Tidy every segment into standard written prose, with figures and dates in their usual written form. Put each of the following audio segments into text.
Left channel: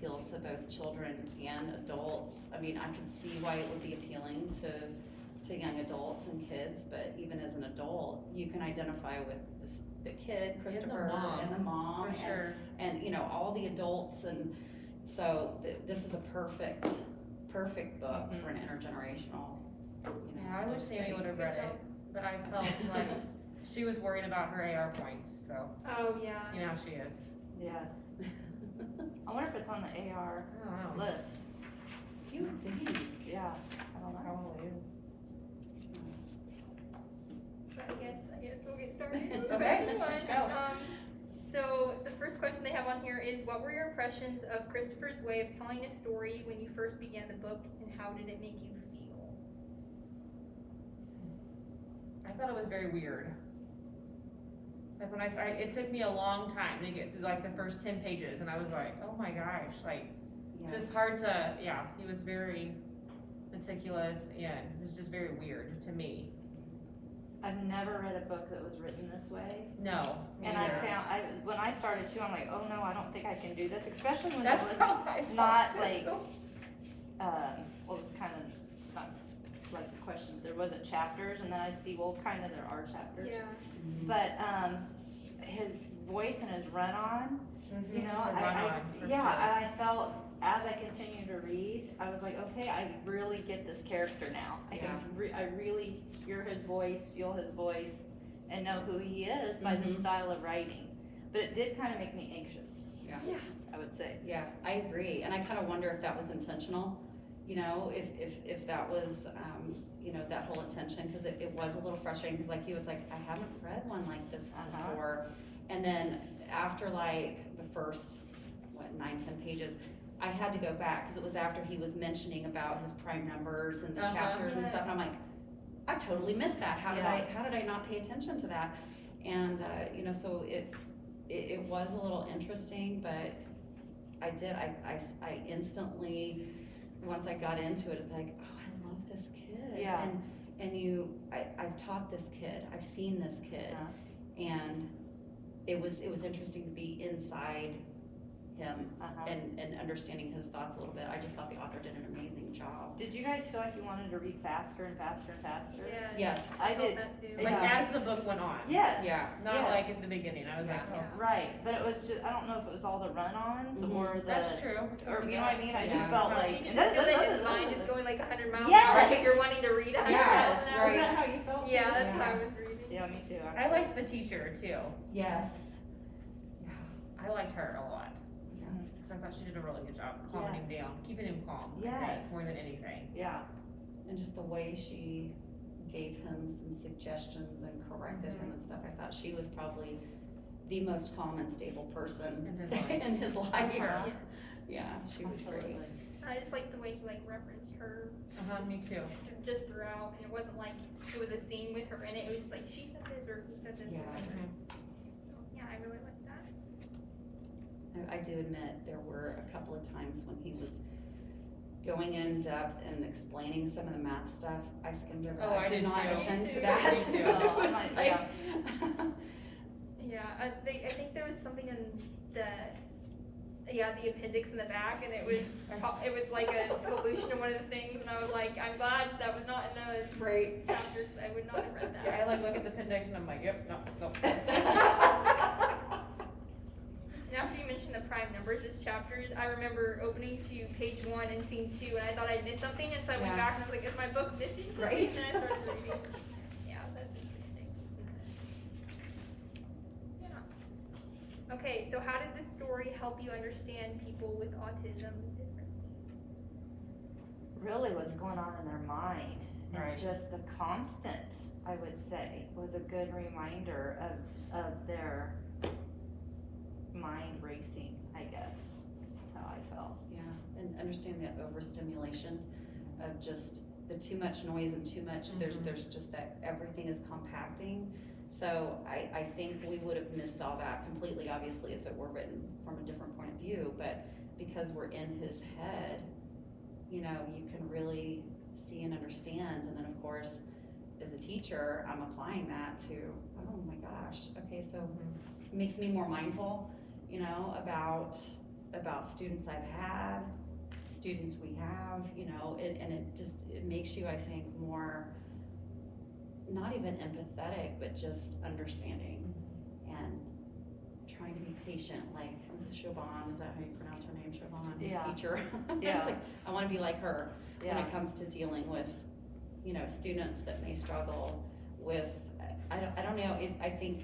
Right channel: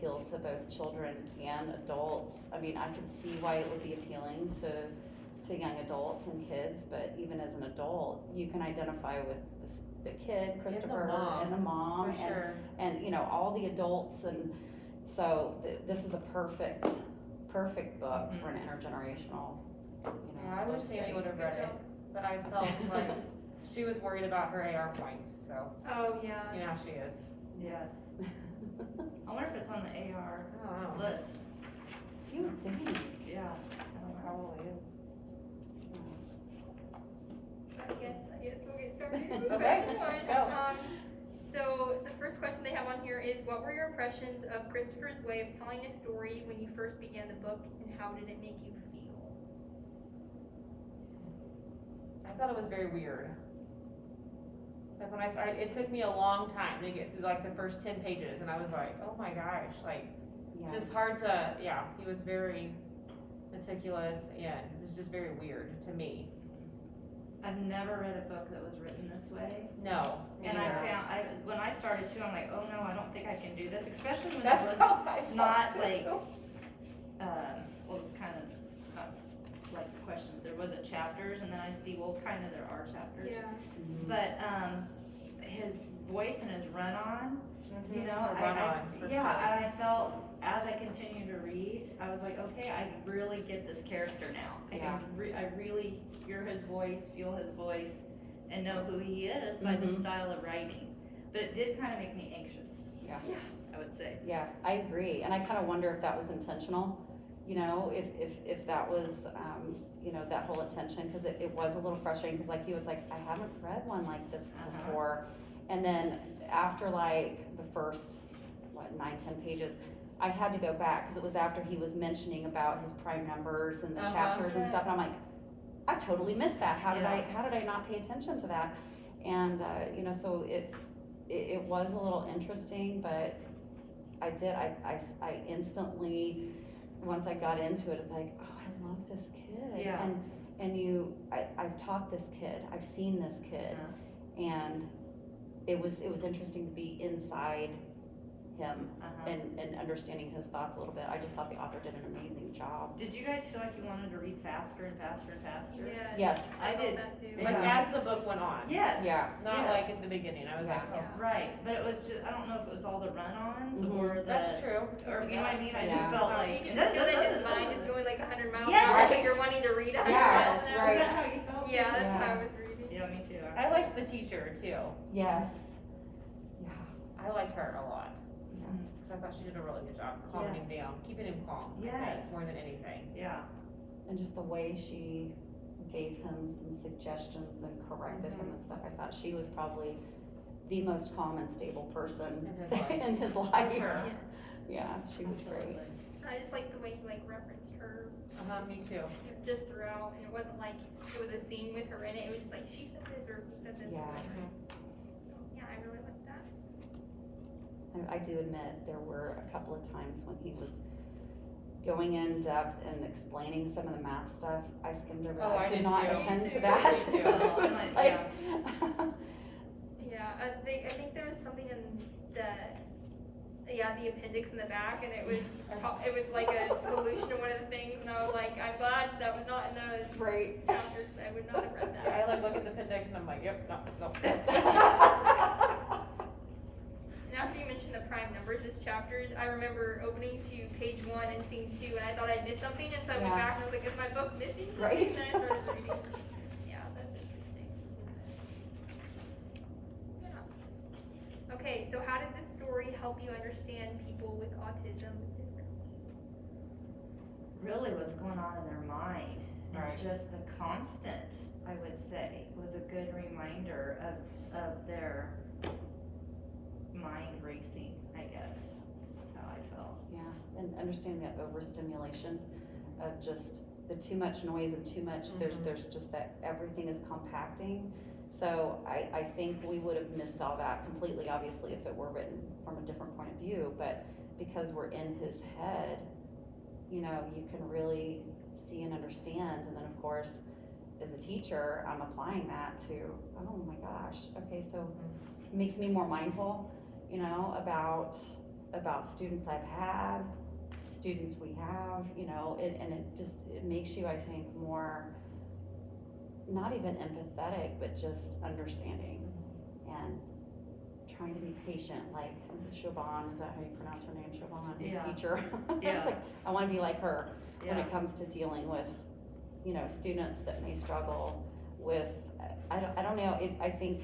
appeal to both children and adults. I mean, I could see why it would be appealing to young adults and kids, but even as an adult, you can identify with the kid, Christopher, and the mom, for sure. and you know, all the adults, and so this is a perfect book for an intergenerational. You know, Yeah, I wish Sammy would have read it, but I felt like she was worried about her AR points, so. Oh, yeah. You know how she is. Yes. I wonder if it's on the AR I don't know. list. You would think. Yeah. I don't know how old it is. I guess we'll get started. Okay, Question one. let's go. So the first question they have on here is, what were your impressions of Christopher's way of telling a story when you first began the book, and how did it make you feel? I thought it was very weird. Like when I started, it took me a long time to get through like the first 10 pages, and I was like, oh my gosh, like, Yeah. just hard to, yeah, he was very meticulous, and it was just very weird to me. I've never read a book that was written this way. No. And I neither. found, when I started too, I'm like, oh no, I don't think I can do this, especially when That's it was how I felt not too. like, well, it's kind of, not like the question, there wasn't chapters, and then I see, well, kind of there are chapters. Yeah. But, his voice and his run-on, you know, The run-on, for yeah, sure. and I felt, as I continued to read, I was like, okay, I really get this character now. I really hear his voice, feel his voice, and know who he is by the style of writing. But it did kind of make me anxious. Yeah. I would say. Yeah, I agree, and I kind of wonder if that was intentional, you know, if that was, you know, that whole attention, because it was a little frustrating, because like he was like, I haven't read one like this before, and then after like the first, 9-10 pages, I had to go back, because it was after he was mentioning about his prime numbers and the chapters and stuff, and I'm like, I totally missed that, how did I not pay attention to that? And, you know, so it was a little interesting, but I instantly, once I got into it, it's like, oh, I love this kid. Yeah. And I've taught this kid, I've seen this kid, and it was interesting to be inside him and understanding his thoughts a little bit. I just thought the author did an amazing job. Did you guys feel like you wanted to read faster and faster and faster? Yes. I felt did. that too. Like Yeah. as the book went on. Yes. Yeah. Not Yes. like at the beginning. I was like, oh. Yeah. Right, but it was just, I don't know if it was all the run-ons or the. That's true. Or, you know what I mean? I Yeah. just felt like. You can just feel that his mind is going like 100 miles an Yes. hour, like you're wanting to read 100 Yes, miles an Is hour. that how you felt? Yeah, too? that's how I was reading. Yeah, me too. I liked the teacher too. Yes. Yeah. I liked her a lot. Yeah. Because I thought she did a really good job calming him down, keeping him calm. I think, Yes. more than anything. Yeah. And just the way she gave him some suggestions and corrected him and stuff, I thought she was probably the most calm and stable person In his life. in his life. Sure. Yeah, she was great. Absolutely. I just like the way he like referenced her Me too. just throughout, and it wasn't like it was a scene with her in it. It was just like she said this or he said this Yeah. or whatever. So, yeah, I really liked that. I do admit there were a couple of times when he was going in depth and explaining some of the math stuff. I skimmed over that. Oh, I could did not too. attend Me to too. that. Me too. Oh, I'm like, Like, Yeah, I think there was something in the appendix in the back, and it was like a solution to one of the things, and I was like, I'm glad that was not in the Right. chapters. I would not have read that. Yeah, I like look at the appendix and I'm like, yep, no. And after you mentioned the prime numbers as chapters, I remember opening to page 1 and seeing 2, and I thought I'd missed something, and so I went Yeah. back and I was like, is my book missing something? Right. And then I started reading. Yeah, that's interesting. Yeah. Okay, so how did this story help you understand people with autism differently? Really what's going on in their mind. Right. And just the constant, I would say, was a good reminder of their mind racing, I guess. That's how I felt. Yeah, and understanding that overstimulation of just the too much noise and too much, there's just that everything is compacting. So I think we would have missed all that completely, obviously, if it were written from a different point of view, but because we're in his head, you know, you can really see and understand, and then of course, as a teacher, I'm applying that to, oh my gosh, okay, so it makes me more mindful, you know, about about students I've had, students we have, you know, and it makes you, I think, more, not even empathetic, but just understanding and trying to be patient, like Siobhan, is that how you pronounce her name, Siobhan, his Yeah. teacher? Yeah. It's like, I wanna be like her when Yeah. it comes to dealing with, you know, students that may struggle with, I don't know, I think,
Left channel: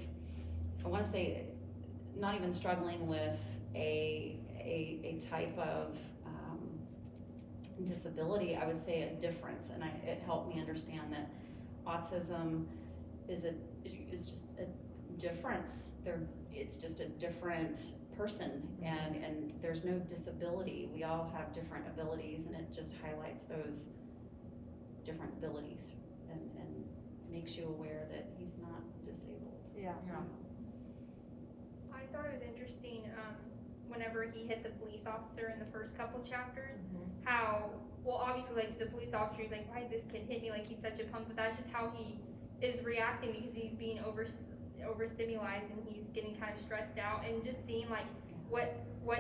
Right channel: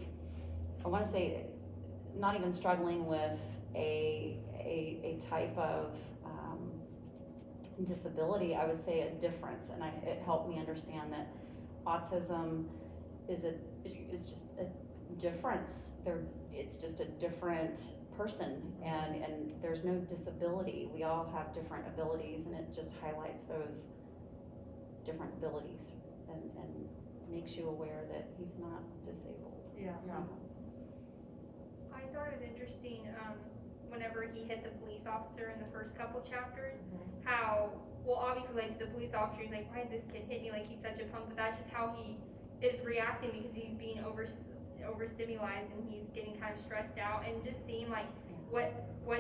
I wanna say, not even struggling with a type of, disability, I would say a difference, and it helped me understand that autism is just a difference. It's just a different person, and there's no disability. We all have different abilities, and it just highlights those different abilities and makes you aware that he's not disabled. Yeah. Yeah. I thought it was interesting, whenever he hit the police officer in the first couple chapters, how, well, obviously, like, to the police officer, he's like, why did this kid hit me, like, he's such a punk, but that's just how he is reacting, because he's being overstimulated, and he's getting kind of stressed out, and just seeing, like, what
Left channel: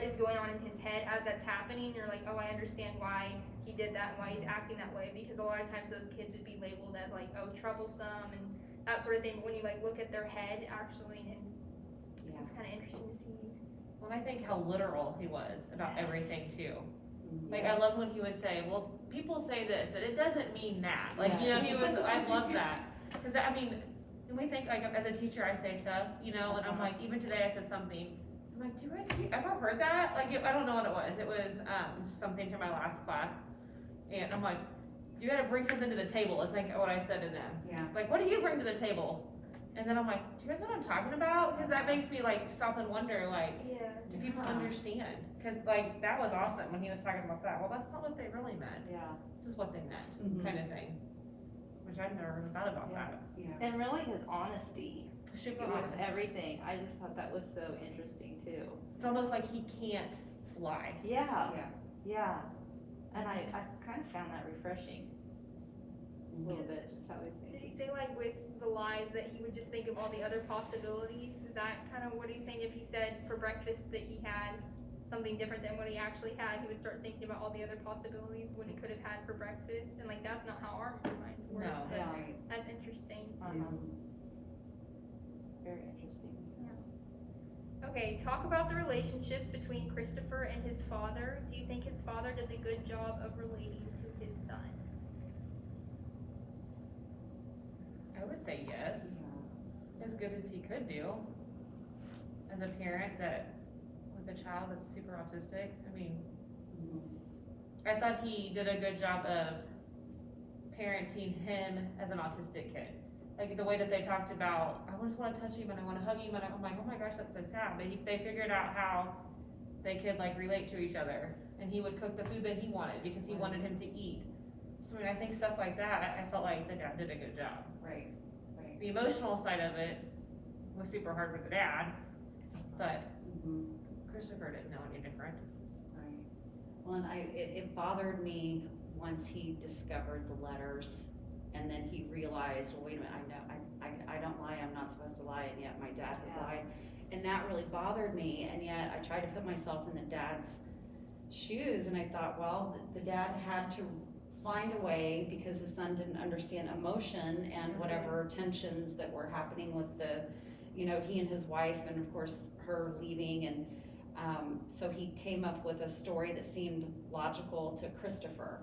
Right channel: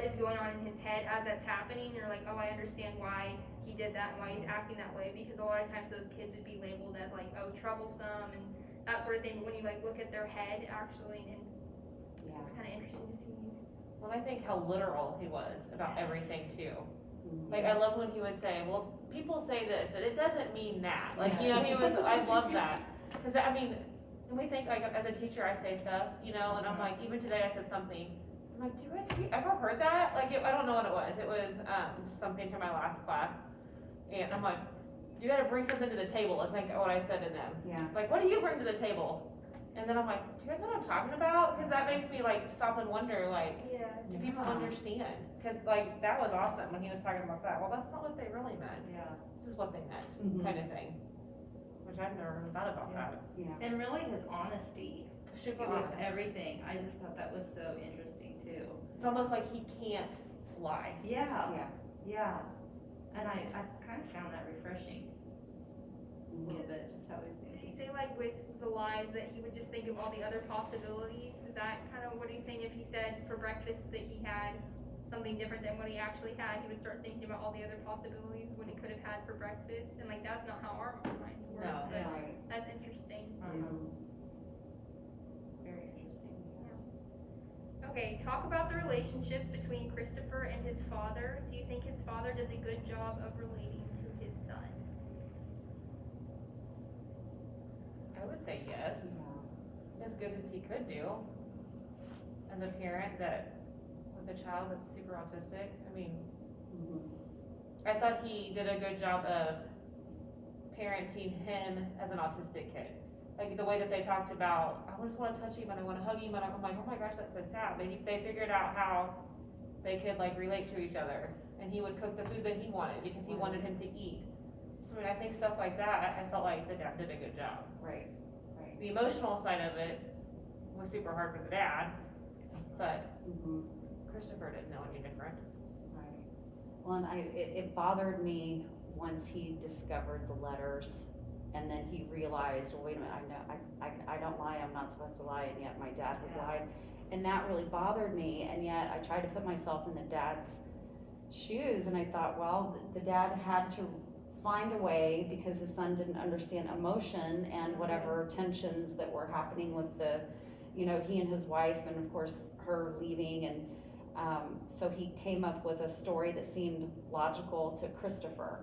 is going on in his head as that's happening, you're like, oh, I understand why he did that, and why he's acting that way, because a lot of times those kids would be labeled as, like, oh, troublesome, and that sort of thing, but when you, like, look at their head, actually, and it's kind of interesting to see. Well, I think how literal he was about Yes. everything too. Mhm. Like, I love when he would say, well, people say this, but it doesn't mean that. Like, you know, he was, I love that. Cause I mean, and we think, like, as a teacher, I say stuff, you know, and I'm like, even today I said something. I'm like, have you ever heard that? Like, I don't know what it was. It was, something from my last class. And I'm like, you gotta bring something to the table. It's like what I said to them. Yeah. Like, what do you bring to the table? And then I'm like, do you guys know what I'm talking about? Cause that makes me, like, stop and wonder, like, Yeah. do people Yeah. understand? Cause, like, that was awesome when he was talking about that. Well, that's not what they really meant. Yeah. This is what they meant, Mhm. kind of thing. Which I've never really thought about that. Yeah. And really his honesty Super with honest. everything, I just thought that was so interesting too. It's almost like he can't lie. Yeah. Yeah. Yeah. And I kind of found that refreshing a little bit, just how he's Did he thinking. say, like, with the lies that he would just think of all the other possibilities? Is that kind of what he's saying? If he said for breakfast that he had something different than what he actually had, he would start thinking about all the other possibilities, what he could have had for breakfast, and, like, that's not how our minds work. No. But Right. that's interesting. Very interesting. Okay, talk about the relationship between Christopher and his father. Do you think his father does a good job of relating to his son? I would say yes, as good as he could do. As a parent that, with a child that's super autistic, I mean, I thought he did a good job of parenting him as an autistic kid. Like the way that they talked about, I just want to touch him and I want to hug him, and I'm like, oh my gosh, that's so sad. They figured out how they could, like, relate to each other, and he would cook the food that he wanted because he wanted him to eat. So I mean, I think stuff like that, I felt like the dad did a good job. Right, right. The emotional side of it was super hard for the dad, but Christopher didn't know any different. Right. Well, and it bothered me once he discovered the letters, and then he realized, well, wait a minute, I don't lie, I'm not supposed to lie, and yet my dad has Yeah. lied. And that really bothered me, and yet I tried to put myself in the dad's shoes, and I thought, well, the dad had to find a way, because his son didn't understand emotion and whatever tensions that were happening with the, you know, he and his wife, and of course her leaving, and so he came up with a story that seemed logical to Christopher.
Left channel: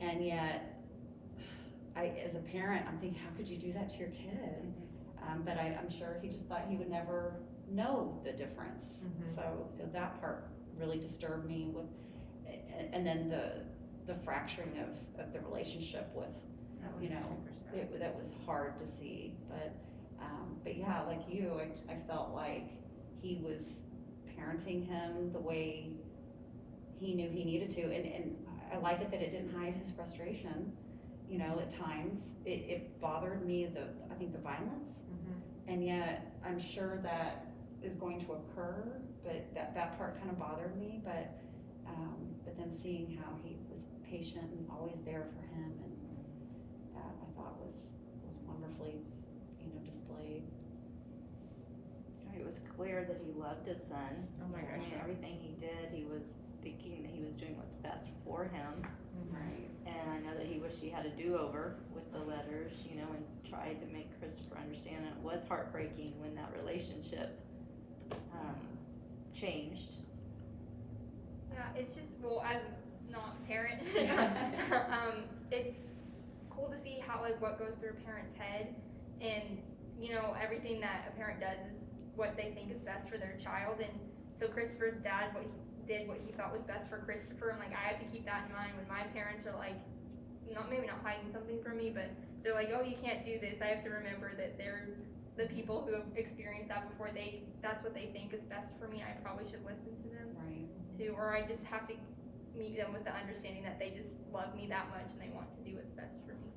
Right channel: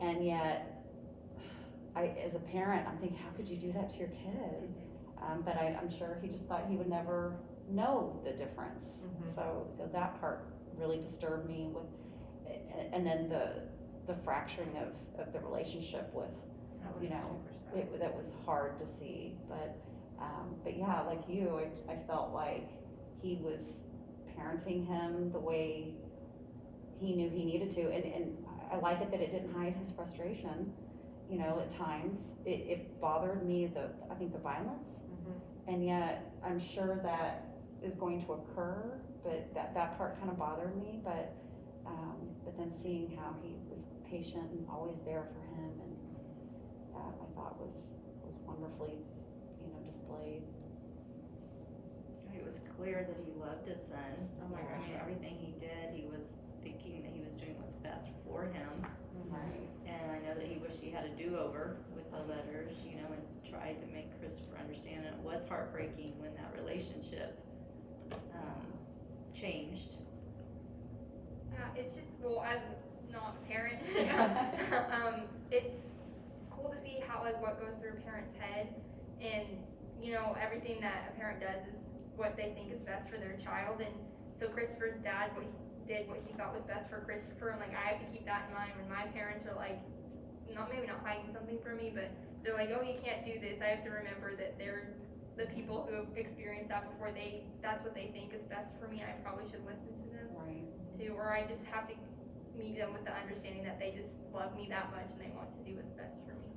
And yet, as a parent, I'm thinking, how could you do that to your kid? But I'm sure he just thought he would never know the difference. Mhm. So that part really disturbed me with, and then the fracturing of the relationship with, That was you know, super sad. that was hard to see. But yeah, like you, I felt like he was parenting him the way he knew he needed to, and I like it that it didn't hide his frustration. You know, at times it bothered me, I think the violence, and yet I'm sure that is going to occur, but that part kind of bothered me, but then seeing how he was patient and always there for him, and that I thought was wonderfully, you know, displayed. I it was clear that he loved his son. Oh my gosh, yeah. Everything he did, he was thinking that he was doing what's best for him. Right. And I know that he wished he had a do-over with the letters, you know, and tried to make Christopher understand. And it was heartbreaking when that relationship changed. Yeah, it's just, well, as not a parent, it's cool to see how, like, what goes through a parent's head, and, you know, everything that a parent does is what they think is best for their child, and so Christopher's dad, what he thought was best for Christopher, and, like, I have to keep that in mind when my parents are, like, maybe not hiding something from me, but they're like, oh, you can't do this. I have to remember that they're the people who have experienced that before. That's what they think is best for me. I probably should listen to them Right. too, or I just have to meet them with the understanding that they just love me that much and they want to do what's best for me.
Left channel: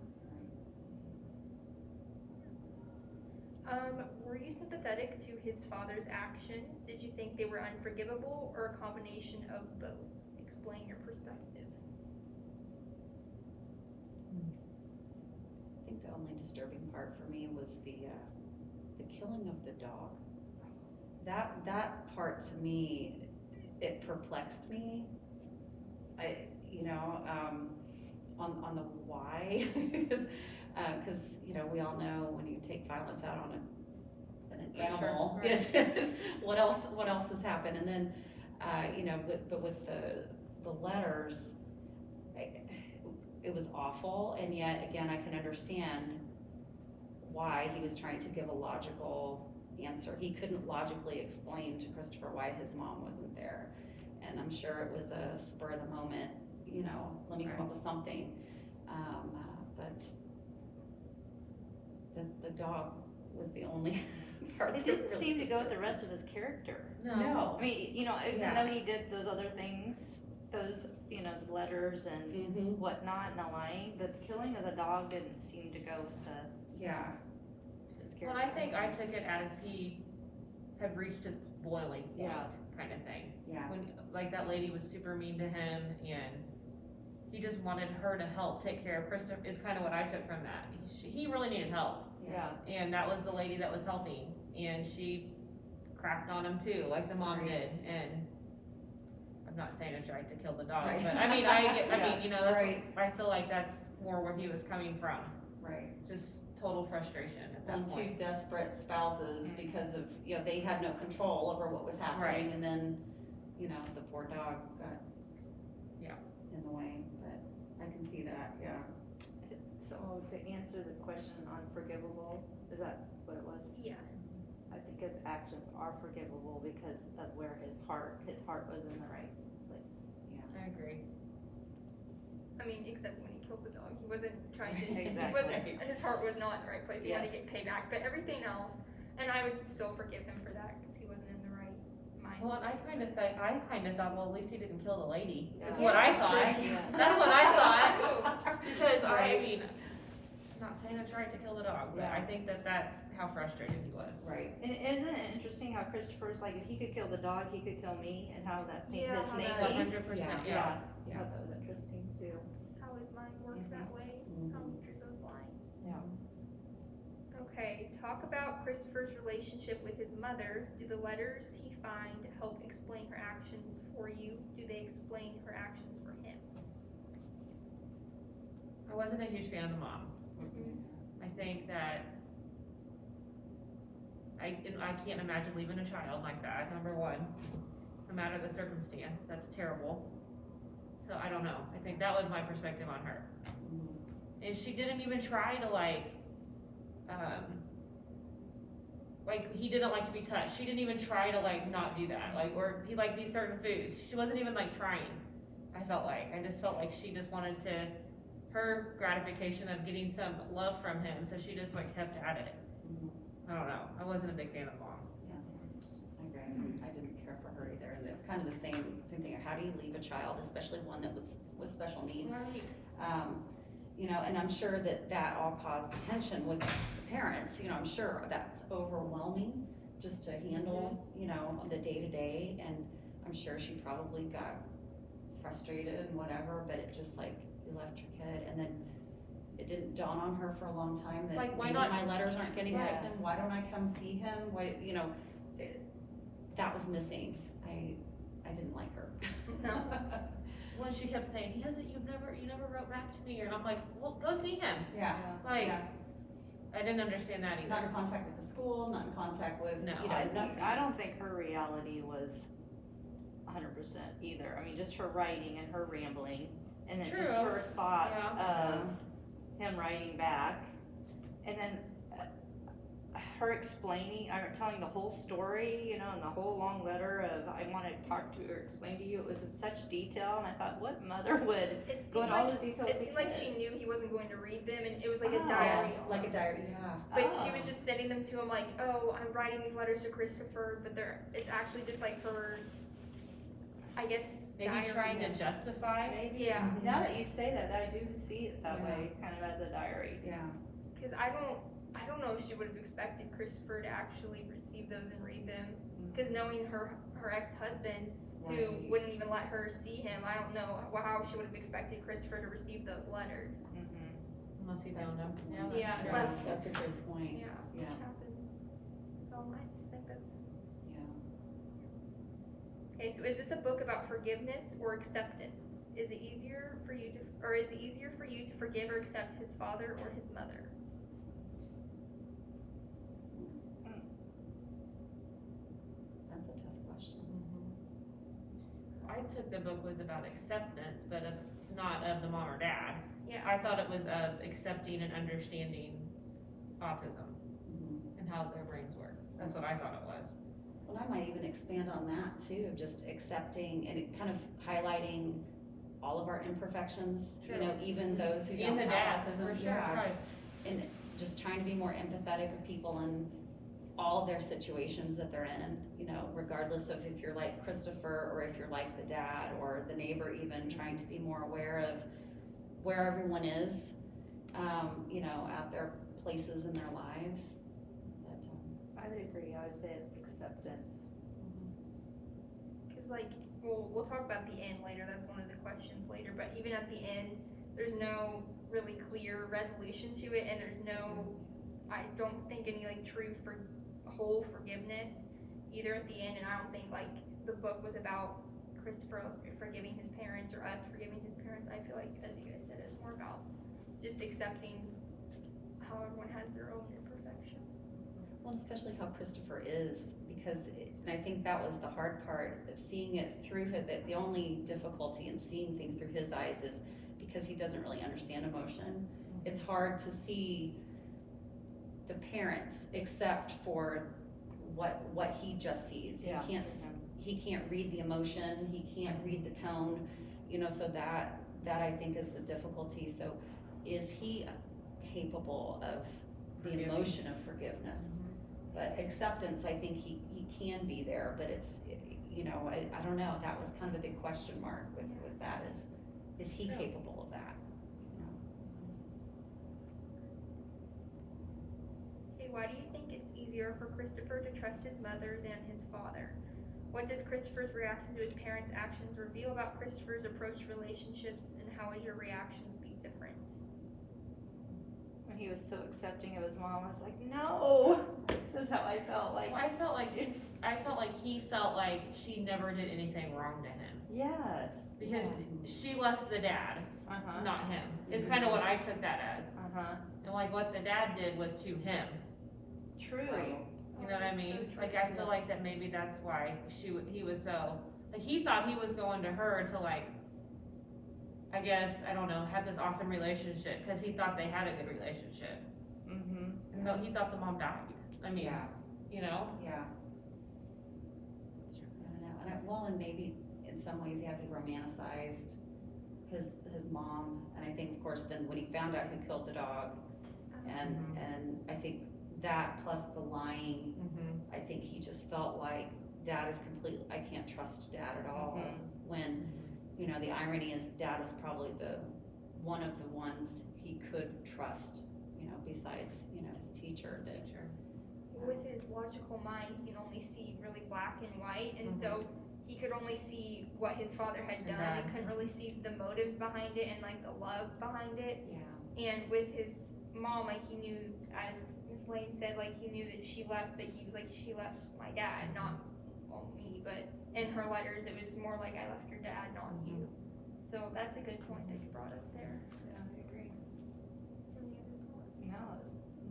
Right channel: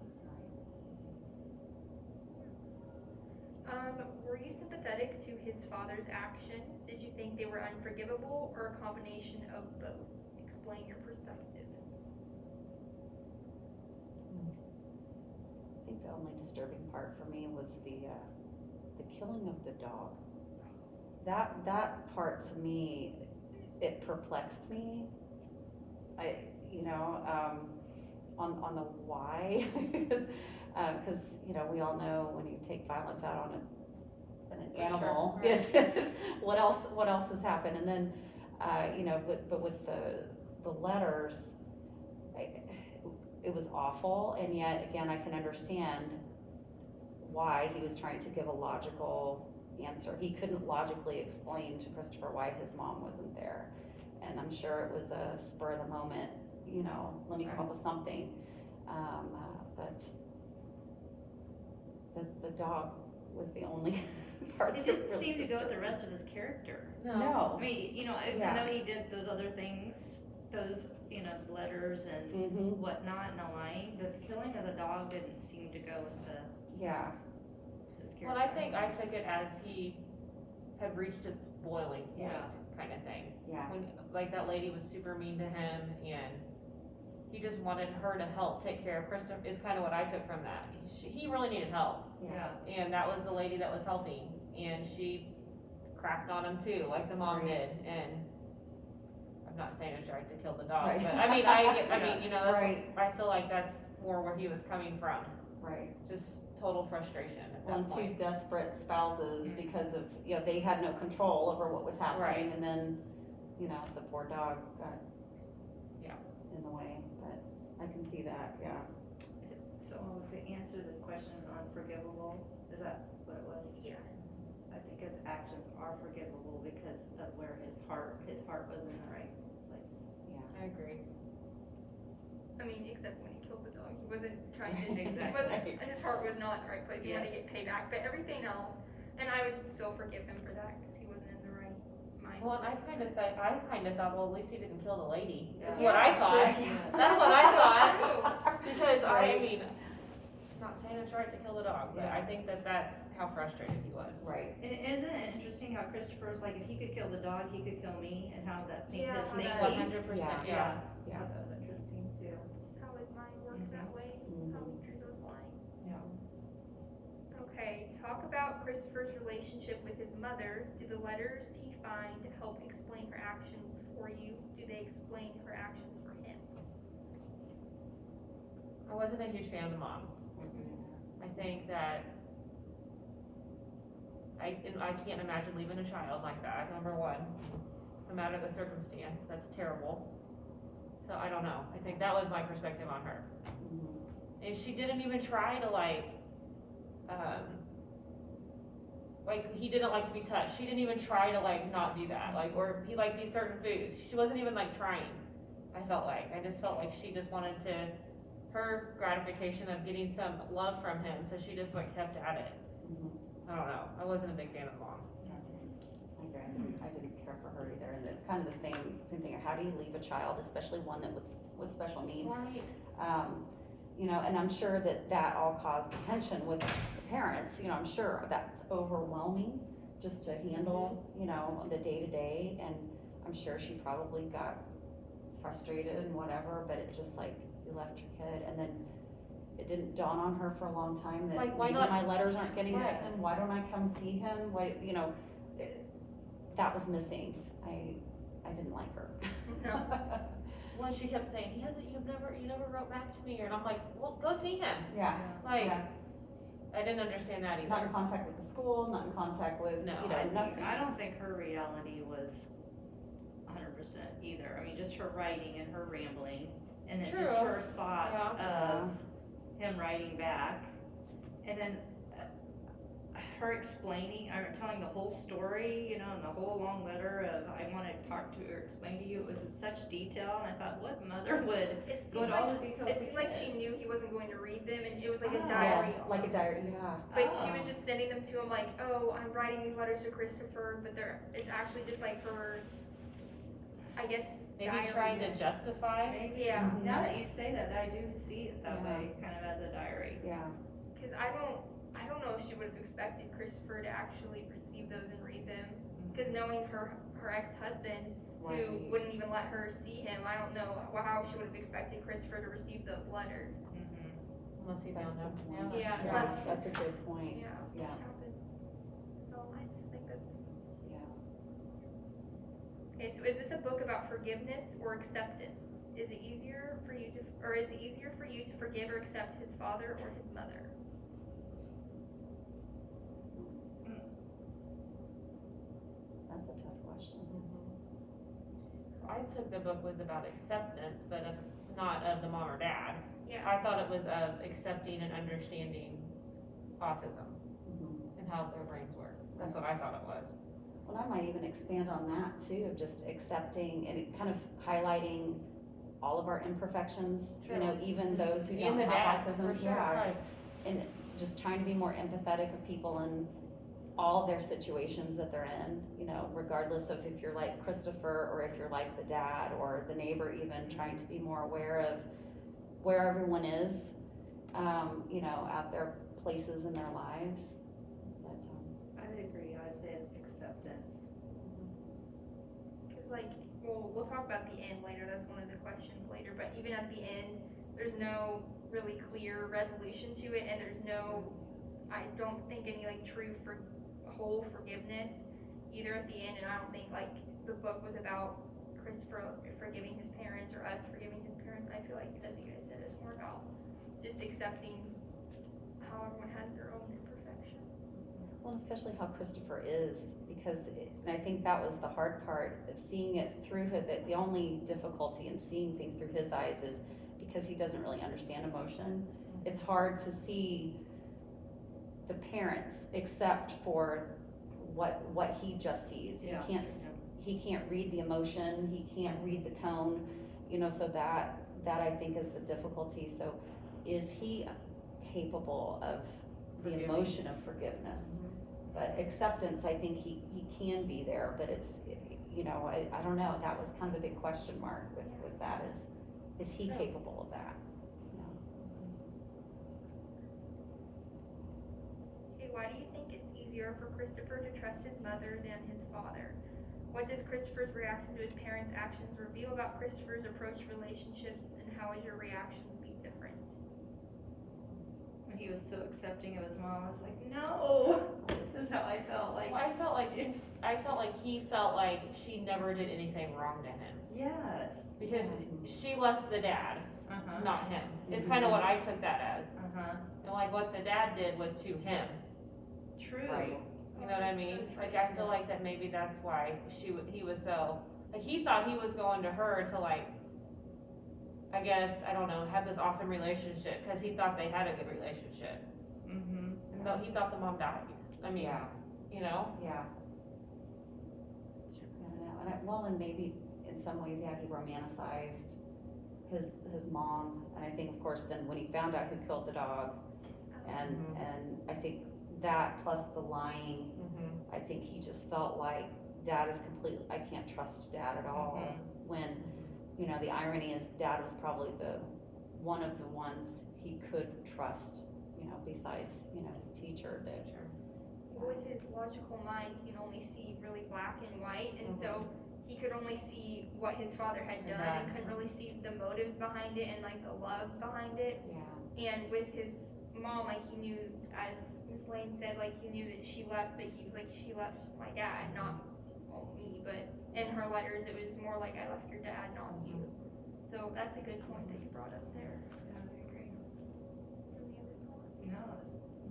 Were you sympathetic to his father's actions? Did you think they were unforgivable, or a combination of both? Explain your perspective. I think the only disturbing part for me was the killing of the dog. That part to me, it perplexed me. On the why, because you know, we all know when you take violence out on an animal, Sure, right. what else has happened, and then but with the letters, it was awful, and yet again I can understand why he was trying to give a logical answer. He couldn't logically explain to Christopher why his mom wasn't there, and I'm sure it was a spur of the moment, you know, let me come up with something, but the dog was the only part It that didn't really seem to go with disturbed the rest of his character. No. I mean, you know, I Yeah. know he did those other things, those, you know, the letters and Mhm. whatnot, and the lying, but the killing of the dog didn't seem to go with Yeah. his character. Well, I think I took it as he had reached his boiling point, Yeah. kind of thing. Yeah. When, like, that lady was super mean to him, and he just wanted her to help take care of Christopher, is kind of what I took from that. He really needed help, Yeah. and that was the lady that was helping, and she cracked on him too, like the mom Right. did, and I'm not saying it's right to kill the dog, Right. but I mean, you know, that's, Right. I feel like that's more where he was coming from, Right. just total frustration at that And two point. desperate spouses because of, you know, they had no control over what was happening, Right. and then, you know, the poor dog got Yeah. in the way, but I can see that, yeah. So to answer the question on forgivable, is that what it was? Yeah. I think his actions are forgivable because of where his heart was in the right place. I agree. I mean, except when he killed the dog, he wasn't trying to. Exactly. His heart was not in the right place. He wanted to Yes. get payback, but everything else, and I would still forgive him for that because he wasn't in the right mindset. Well, and I kind of thought, well, at least he didn't kill the lady, is Yeah. what I thought. Yeah. That's what I thought, because Right. I mean, I'm not saying it's right to kill the dog, but I Yeah. think that's how frustrated he was. Right. And isn't it interesting how Christopher's like, if he could kill the dog, he could kill me, and how that made Yeah, his how make that- 100%, yeah. I thought that was interesting too. Just how his mind worked that way, how he drew those lines. Yeah. Okay, talk about Christopher's relationship with his mother. Do the letters he find help explain her actions for you? Do they explain her actions for him? I wasn't a huge fan of the mom. I think that I can't imagine leaving a child like that, number one, no matter the circumstance, that's terrible. So I don't know, I think that was my perspective on her. And she didn't even try to he didn't like to be touched, she didn't even try to not do that, or he liked these certain foods, she wasn't even trying, I just felt like she just wanted her gratification of getting some love from him, so she just kept at it. I don't know, I wasn't a big fan of the mom. I agree. I didn't care for her either, and it's kind of the same thing of how do you leave a child, especially one that was with special needs. Right. And I'm sure that all caused tension with the parents, I'm sure that's overwhelming just to handle, the day-to-day, and I'm sure she probably got frustrated and whatever, but it just you left your kid, and then it didn't dawn on her for a long time that Why maybe not? my letters aren't getting to Yes. him, why don't I come see him, that was missing. I didn't like her. No. Well, she kept saying, you never wrote back to me, and I'm like, well, go see him. Yeah. Like, Yeah. I didn't understand that Not either. in contact with the school, not in contact with, No, you know, nothing. I don't think her reality was 100% either. I mean, just her writing and her rambling, and then True. just her thoughts Yeah. of him writing back, and then her explaining, telling the whole story, you know, and the whole long letter of, I want to talk to or explain to you. It was in such detail, and I thought, what mother would It go seemed into all like, this detail? it with seemed like kids? she knew he wasn't going to read them, and it was like a Oh. diary. Yes, like a almost. diary, yeah. But she was Oh. just sending them to him like, oh, I'm writing these letters to Christopher, but it's actually just like her, I guess, Maybe diary. trying to justify. Yeah, Mhm. Now that you say that, I do see it that Yeah. way, kind of as a diary. Yeah. because I don't know if she would have expected Christopher to actually receive those and read them. Because knowing her ex-husband, who Right. wouldn't even let her see him, I don't know how she would have expected Christopher to receive those letters. Unless he That's found a them. good point. Yeah, Yeah, unless- that's a good point. Yeah, Yeah. which happens. So I just think that's. Yeah. Okay, so is this a book about forgiveness or acceptance? Is it easier for you to forgive or accept his father or his mother? That's a tough question. I took the book was about acceptance, but not of the mom or dad. Yeah. I thought it was of accepting and understanding autism Mhm. and how their brains work. That's what I thought it was. Well, I might even expand on that too, of just accepting and it kind of highlighting all of our imperfections, you know, True. even those who And don't the have dads, autism. for sure. Yeah. Right. And just trying to be more empathetic of people in all their situations that they're in, you know, regardless of if you're like Christopher or if you're like the dad or the neighbor, even trying to be more aware of where everyone is, you know, at their places in their lives. But, I would agree, I would say acceptance. Because, like, we'll talk about the end later, that's one of the questions later, but even at the end, there's no really clear resolution to it, and there's no, I don't think any, like, true whole forgiveness either at the end, and I don't think, like, the book was about Christopher forgiving his parents or us forgiving his parents. I feel like, as you guys said, it was more about just accepting how everyone has their own imperfections. well, and especially how Christopher is, because and I think that was the hard part of seeing it through the only difficulty in seeing things through his eyes is because he doesn't really understand emotion. It's hard to see the parents except for what he just sees. Yeah. He can't read the emotion, he can't read the tone, you know, so that I think is the difficulty. So is he capable of the Forgiving. emotion of forgiveness? But acceptance, I think he can be there, but it's, you know, I don't know, that was kind of a big question mark with that is he True. capable of that? You know? Okay, why do you think it's easier for Christopher to trust his mother than his father? What does Christopher's reaction to his parents' actions reveal about Christopher's approach to relationships, and how would your reactions be different? When he was so accepting of his mom, I was like, no, this is how I felt, like. Well, I felt like he felt like she never did anything wrong to him Yes. because she left the dad, Uh-huh, not him. It's kind of what I took that as. uh-huh, And like what the dad did was to him. true. Right. You know what I mean? Like I feel like that maybe that's why he was so, like he thought he was going to her to like, I guess, I don't know, have this awesome relationship because he thought they had a good relationship. Mm-hmm. And though he thought the mom died. I mean, Yeah. you know? Yeah. I don't know, and maybe in some ways, yeah, he romanticized his mom, and I think, of course, then when he found out who killed the dog, and I think that plus the lying, Mm-hmm. I think he just felt like dad is I can't trust dad at all, when, you know, the irony is dad was probably one of the ones he could trust, you know, besides, you know, his teacher that. With his logical mind, he can only see really black and white, and so he could only see what his father had done, and couldn't really see the motives behind it and like the love behind it. Yeah. And with his mom, like he knew, as Miss Lane said, like he knew that she left, but he was like, she left my dad, not home me, but in her letters, it was more like I left your dad, not you. So that's a good point that you brought up there. Yeah, I agree. Any other thoughts? No,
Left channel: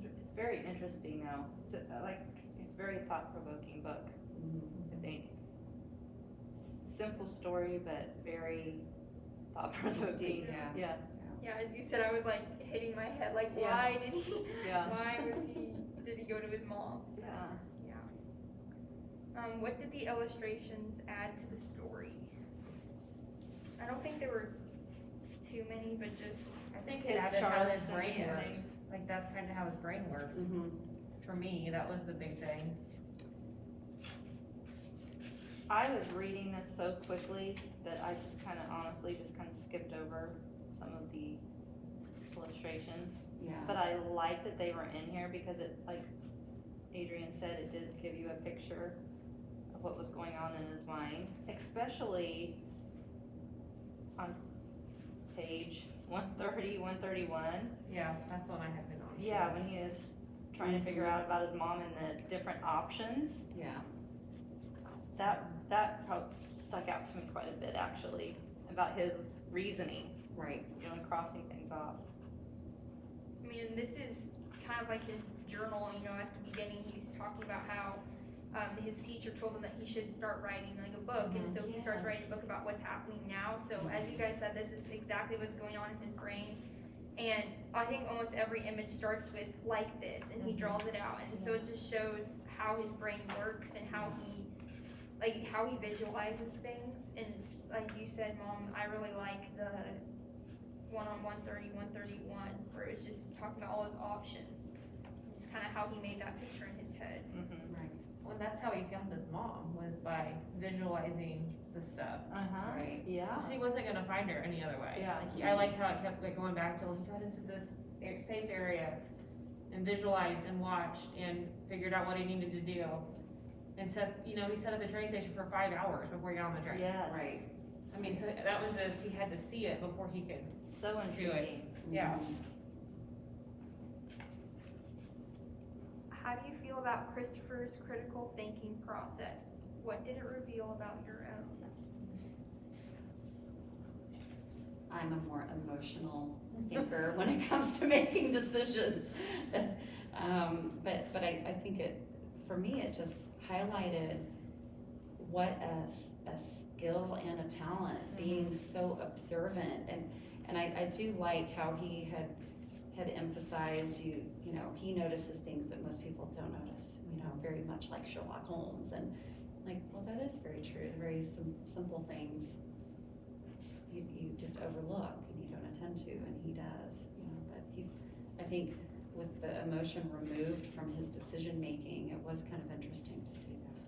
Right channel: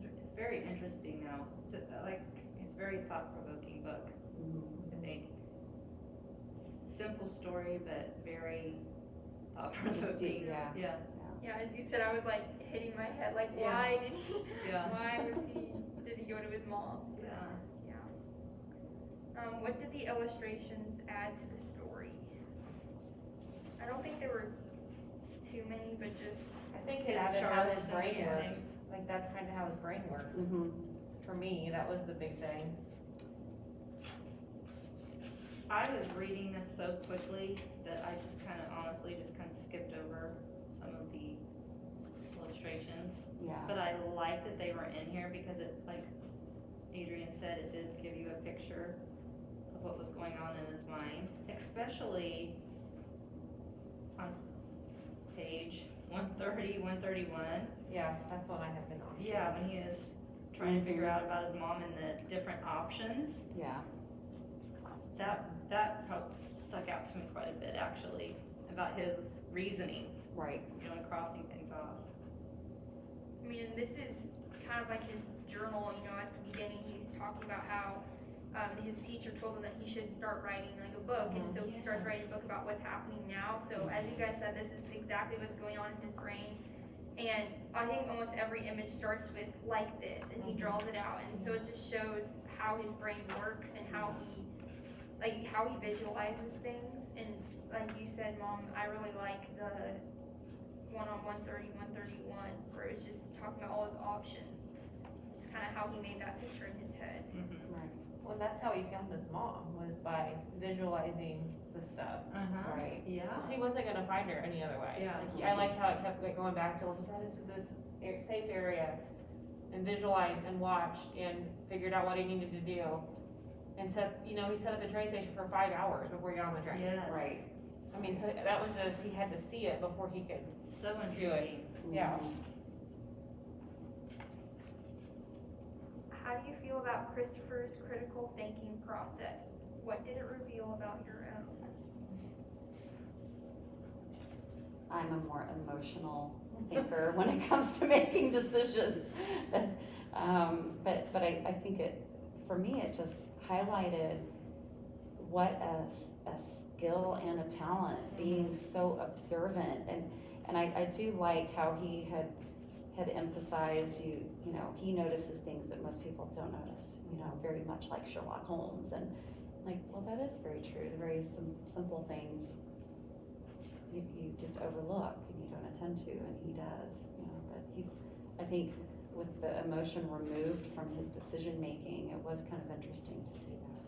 it's very interesting though. It's very thought-provoking book, I think. Simple story, but very thought-provoking. Yeah. Yeah. Yeah, as you said, I was like hitting my head, like Yeah. why did he, Yeah. did he go to his mom? Yeah. What did the illustrations add to the story? I don't think there were too many, but just, I think it His added how charts his and brain yeah. works. Like, that's kind of how his brain worked. Mm-hmm. For me, that was the big thing. I was reading this so quickly that I just honestly skipped over some of the illustrations. Yeah. But I like that they were in here because it, like Adrianne said, it did give you a picture of what was going on in his mind, especially on page 130, 131. Yeah, that's what I had been on. Yeah, when he is trying to figure out about his mom and the different options. Yeah. That stuck out to me quite a bit actually, about his reasoning, Right. crossing things off. I mean, and this is kind of like his journal, at the beginning, he's talking about how, his teacher told him that he should start writing like a book, and so he starts writing a book about what's happening now, so as you guys said, this is exactly what's going on in his brain, and I think almost every image starts with like this, and he draws it out, and so it just shows how his brain works and how he visualizes things, and like you said, Mom, I really like the one on 130, 131, where it was just talking about all his options, just kind of how he made that picture in his head. Right. Well, that's how he found his mom, was by visualizing the stuff. Right. Yeah. 'Cause he wasn't gonna find her any other way. Yeah. I liked how it kept like going back till he got into this safe area and visualized and watched and figured out what he needed to do. And said, he sat at the train station for 5 hours before he got on the train. Yes. Right. I mean, so that was just, he had to see it before he could. So intriguing. Yeah. How do you feel about Christopher's critical thinking process? What did it reveal about your own? I'm a more emotional thinker when it comes to making decisions. But I think for me, it just highlighted what a skill and a talent, being so observant. And I do like how he had emphasized, he notices things that most people don't notice, very much like Sherlock Holmes. And like, well, that is very true. Very simple things you just overlook and you don't attend to, and he does, but I think with the emotion removed from his decision making, it was kind of interesting to see that.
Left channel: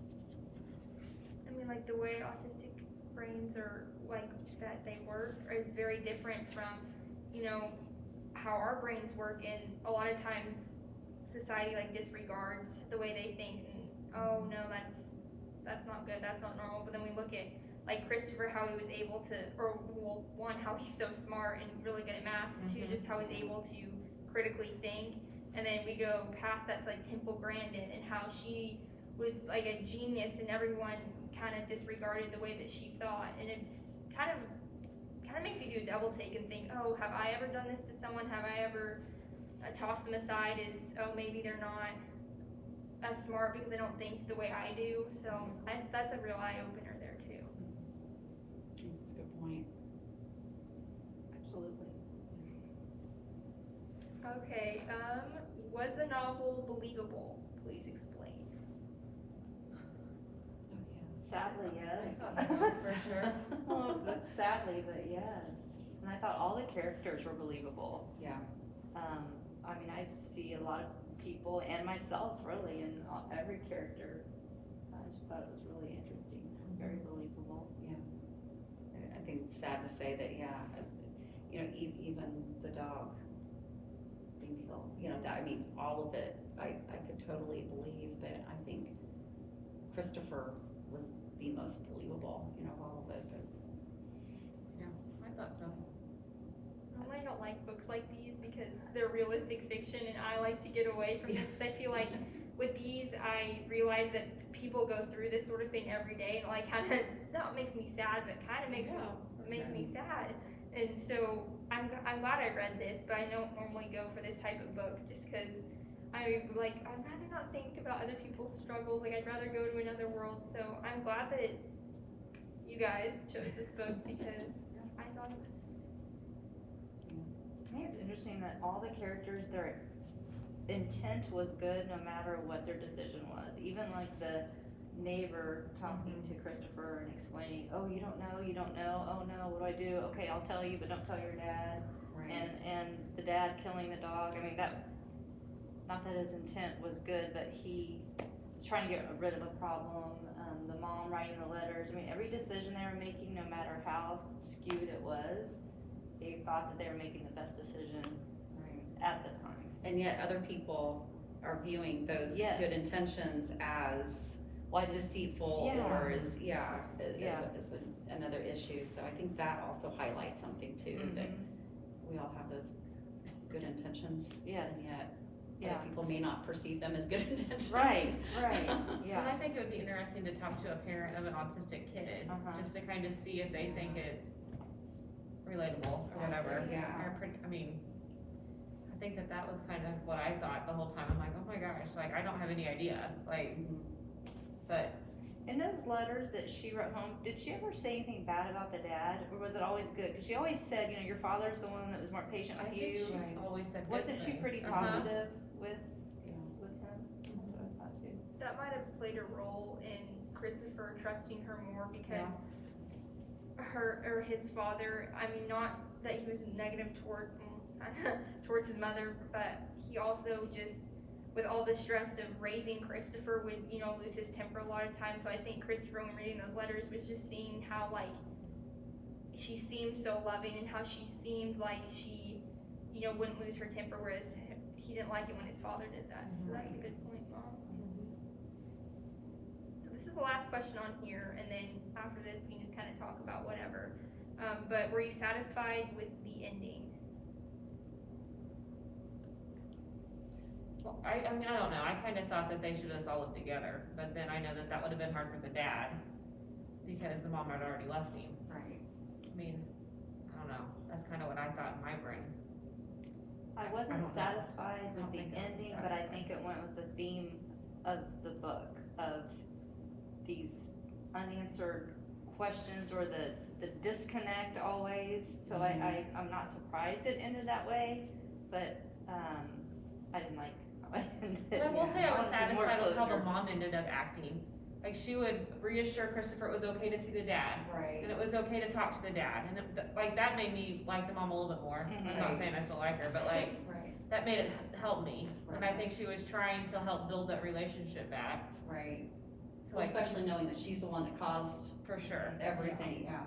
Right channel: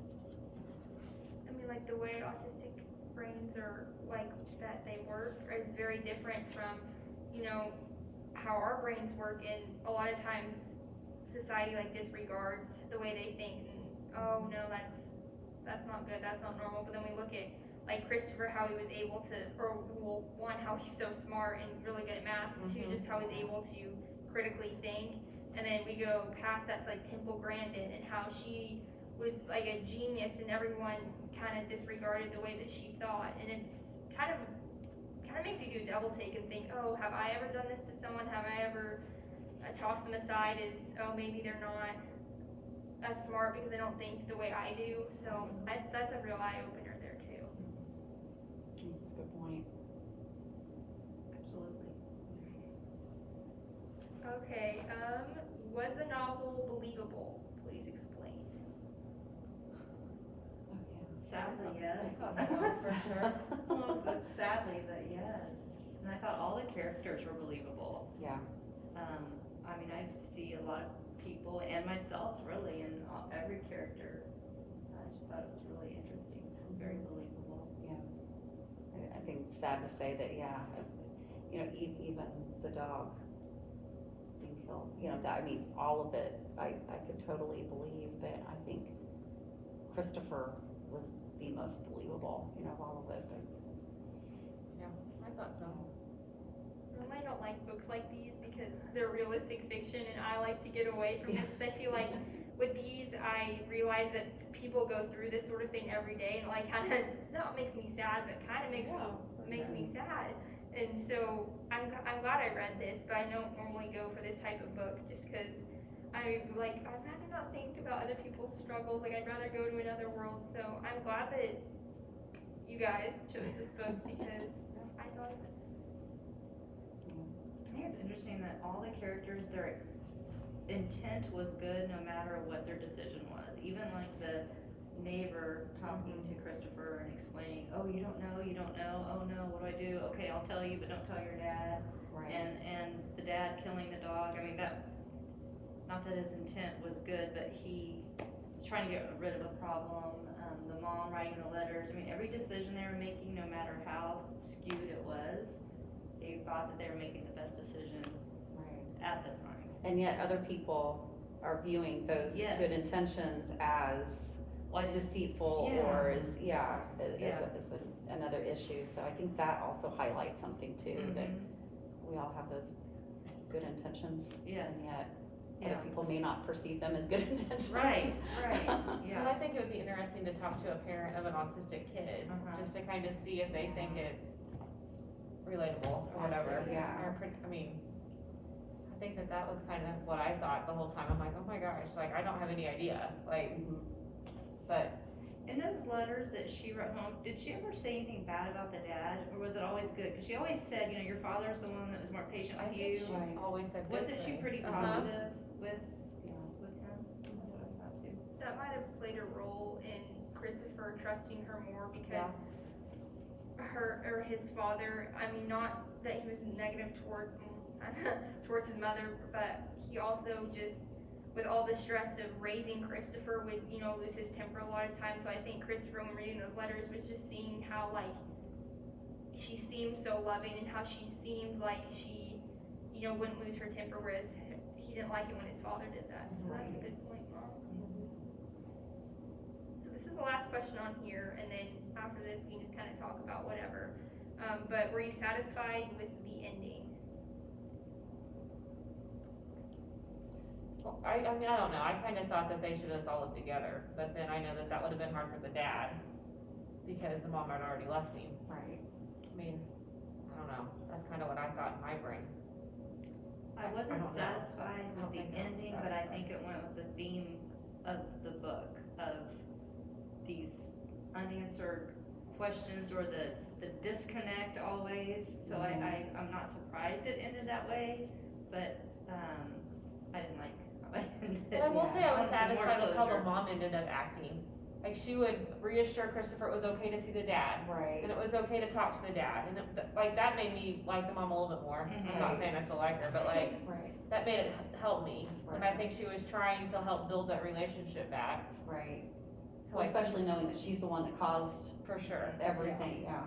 I mean, like the way autistic brains are like that they work is very different from, how our brains work, and a lot of times society like disregards the way they think, and oh no, that's not good, that's not normal. But then we look at like Christopher, how he was able to, one, how he's so smart and really good at math, two, just how he's able to critically think. And then we go past that to like Temple Grandin and how she was like a genius and everyone kind of disregarded the way that she thought. And it's kind of makes you do a double take and think, oh, have I ever done this to someone? Have I ever tossed them aside as, oh, maybe they're not as smart because they don't think the way I do. So that's a real eye-opener there too. That's a good point. Absolutely. Okay, was the novel believable? Please explain. Sadly, yes. I thought so, for sure. Oh, but sadly, but yes. And I thought all the characters were believable. Yeah. I see a lot of people and myself really in every character. I just thought it was really interesting, very believable. I think it's sad to say that, even the dog being killed, all of it, I could totally believe, but I think Christopher was the most believable, of all of it, but. I thought so. Normally I don't like books like these because they're realistic fiction and I like to get away from this because I feel like with these I realize that people go through this sort of thing every day, and like kind of not makes me sad, but kind of makes me sad. And so I'm glad I read this, but I don't normally go for this type of book just because I'd rather not think about other people's struggles. Like I'd rather go to another world. So I'm glad that you guys chose this book because I thought it was. I think it's interesting that all the characters, their intent was good no matter what their decision was. Even like the neighbor talking to Christopher and explaining, oh, you don't know, oh no, what do I do? Okay, I'll tell you, but don't tell your dad. Right. And the dad killing the dog, I mean, that, not that his intent was good, but he was trying to get rid of a problem. The mom writing the letters, I mean, every decision they were making, no matter how skewed it was, they thought that they were making the best decision at the time. And yet other people are viewing those Yes. good intentions as Like, deceitful Yeah. or as, Yeah. another issue. So I think that also highlights something too, that we all have those good intentions. Yes. And yet Yeah. other people may not perceive them as good intentions. Right, And yeah. I think it would be interesting to talk to a parent of an autistic kid, just to kind of see if they think it's relatable or whatever. Yeah. Or I think that was kind of what I thought the whole time. I'm like, oh my gosh, like I don't have any idea, like, but In those letters that she wrote home, did she ever say anything bad about the dad, or was it always good? Because she always said, you know, your father's the one that was more patient I with think you. she's Right. always said good Wasn't she things. pretty positive with him? That's what I thought too. That might have played a role in Christopher trusting her more because his father, I mean, not that he was negative towards his mother, but he also just, with all the stress of raising Christopher, would, you know, lose his temper a lot of times. So I think Christopher, when reading those letters, was just seeing how, like, she seemed so loving and how she seemed like she, you know, wouldn't lose her temper, whereas he didn't like it when his father did that. So that's a good point, Mom. So this is the last question on here, and then after this, we can just kind of talk about whatever. But were you satisfied with the ending? Well, I mean, I don't know, I kind of thought that they should have all lived together, but then I know that would have been hard for the dad, because the mom had already left him. Right. I mean, I don't know, that's kind of what I thought in my brain. I I wasn't don't know. satisfied I don't with the think I was ending, but I satisfied. think it went with the theme of the book, of these unanswered questions or the disconnect always. So I'm not surprised it ended that way, but, I didn't like how it ended. But I will say I was wanted some more satisfied with how the closure. mom ended up acting. Like, she would reassure Christopher it was okay to see the dad, Right. and it was okay to talk to the dad, and like, that made me like the mom a little bit more. I'm not Right. saying I still like her, but like, Right. that made it help me, and I Right. think she was trying to help build that relationship back, Right. so Well, like, especially knowing that she's the one that caused for sure. everything, yeah,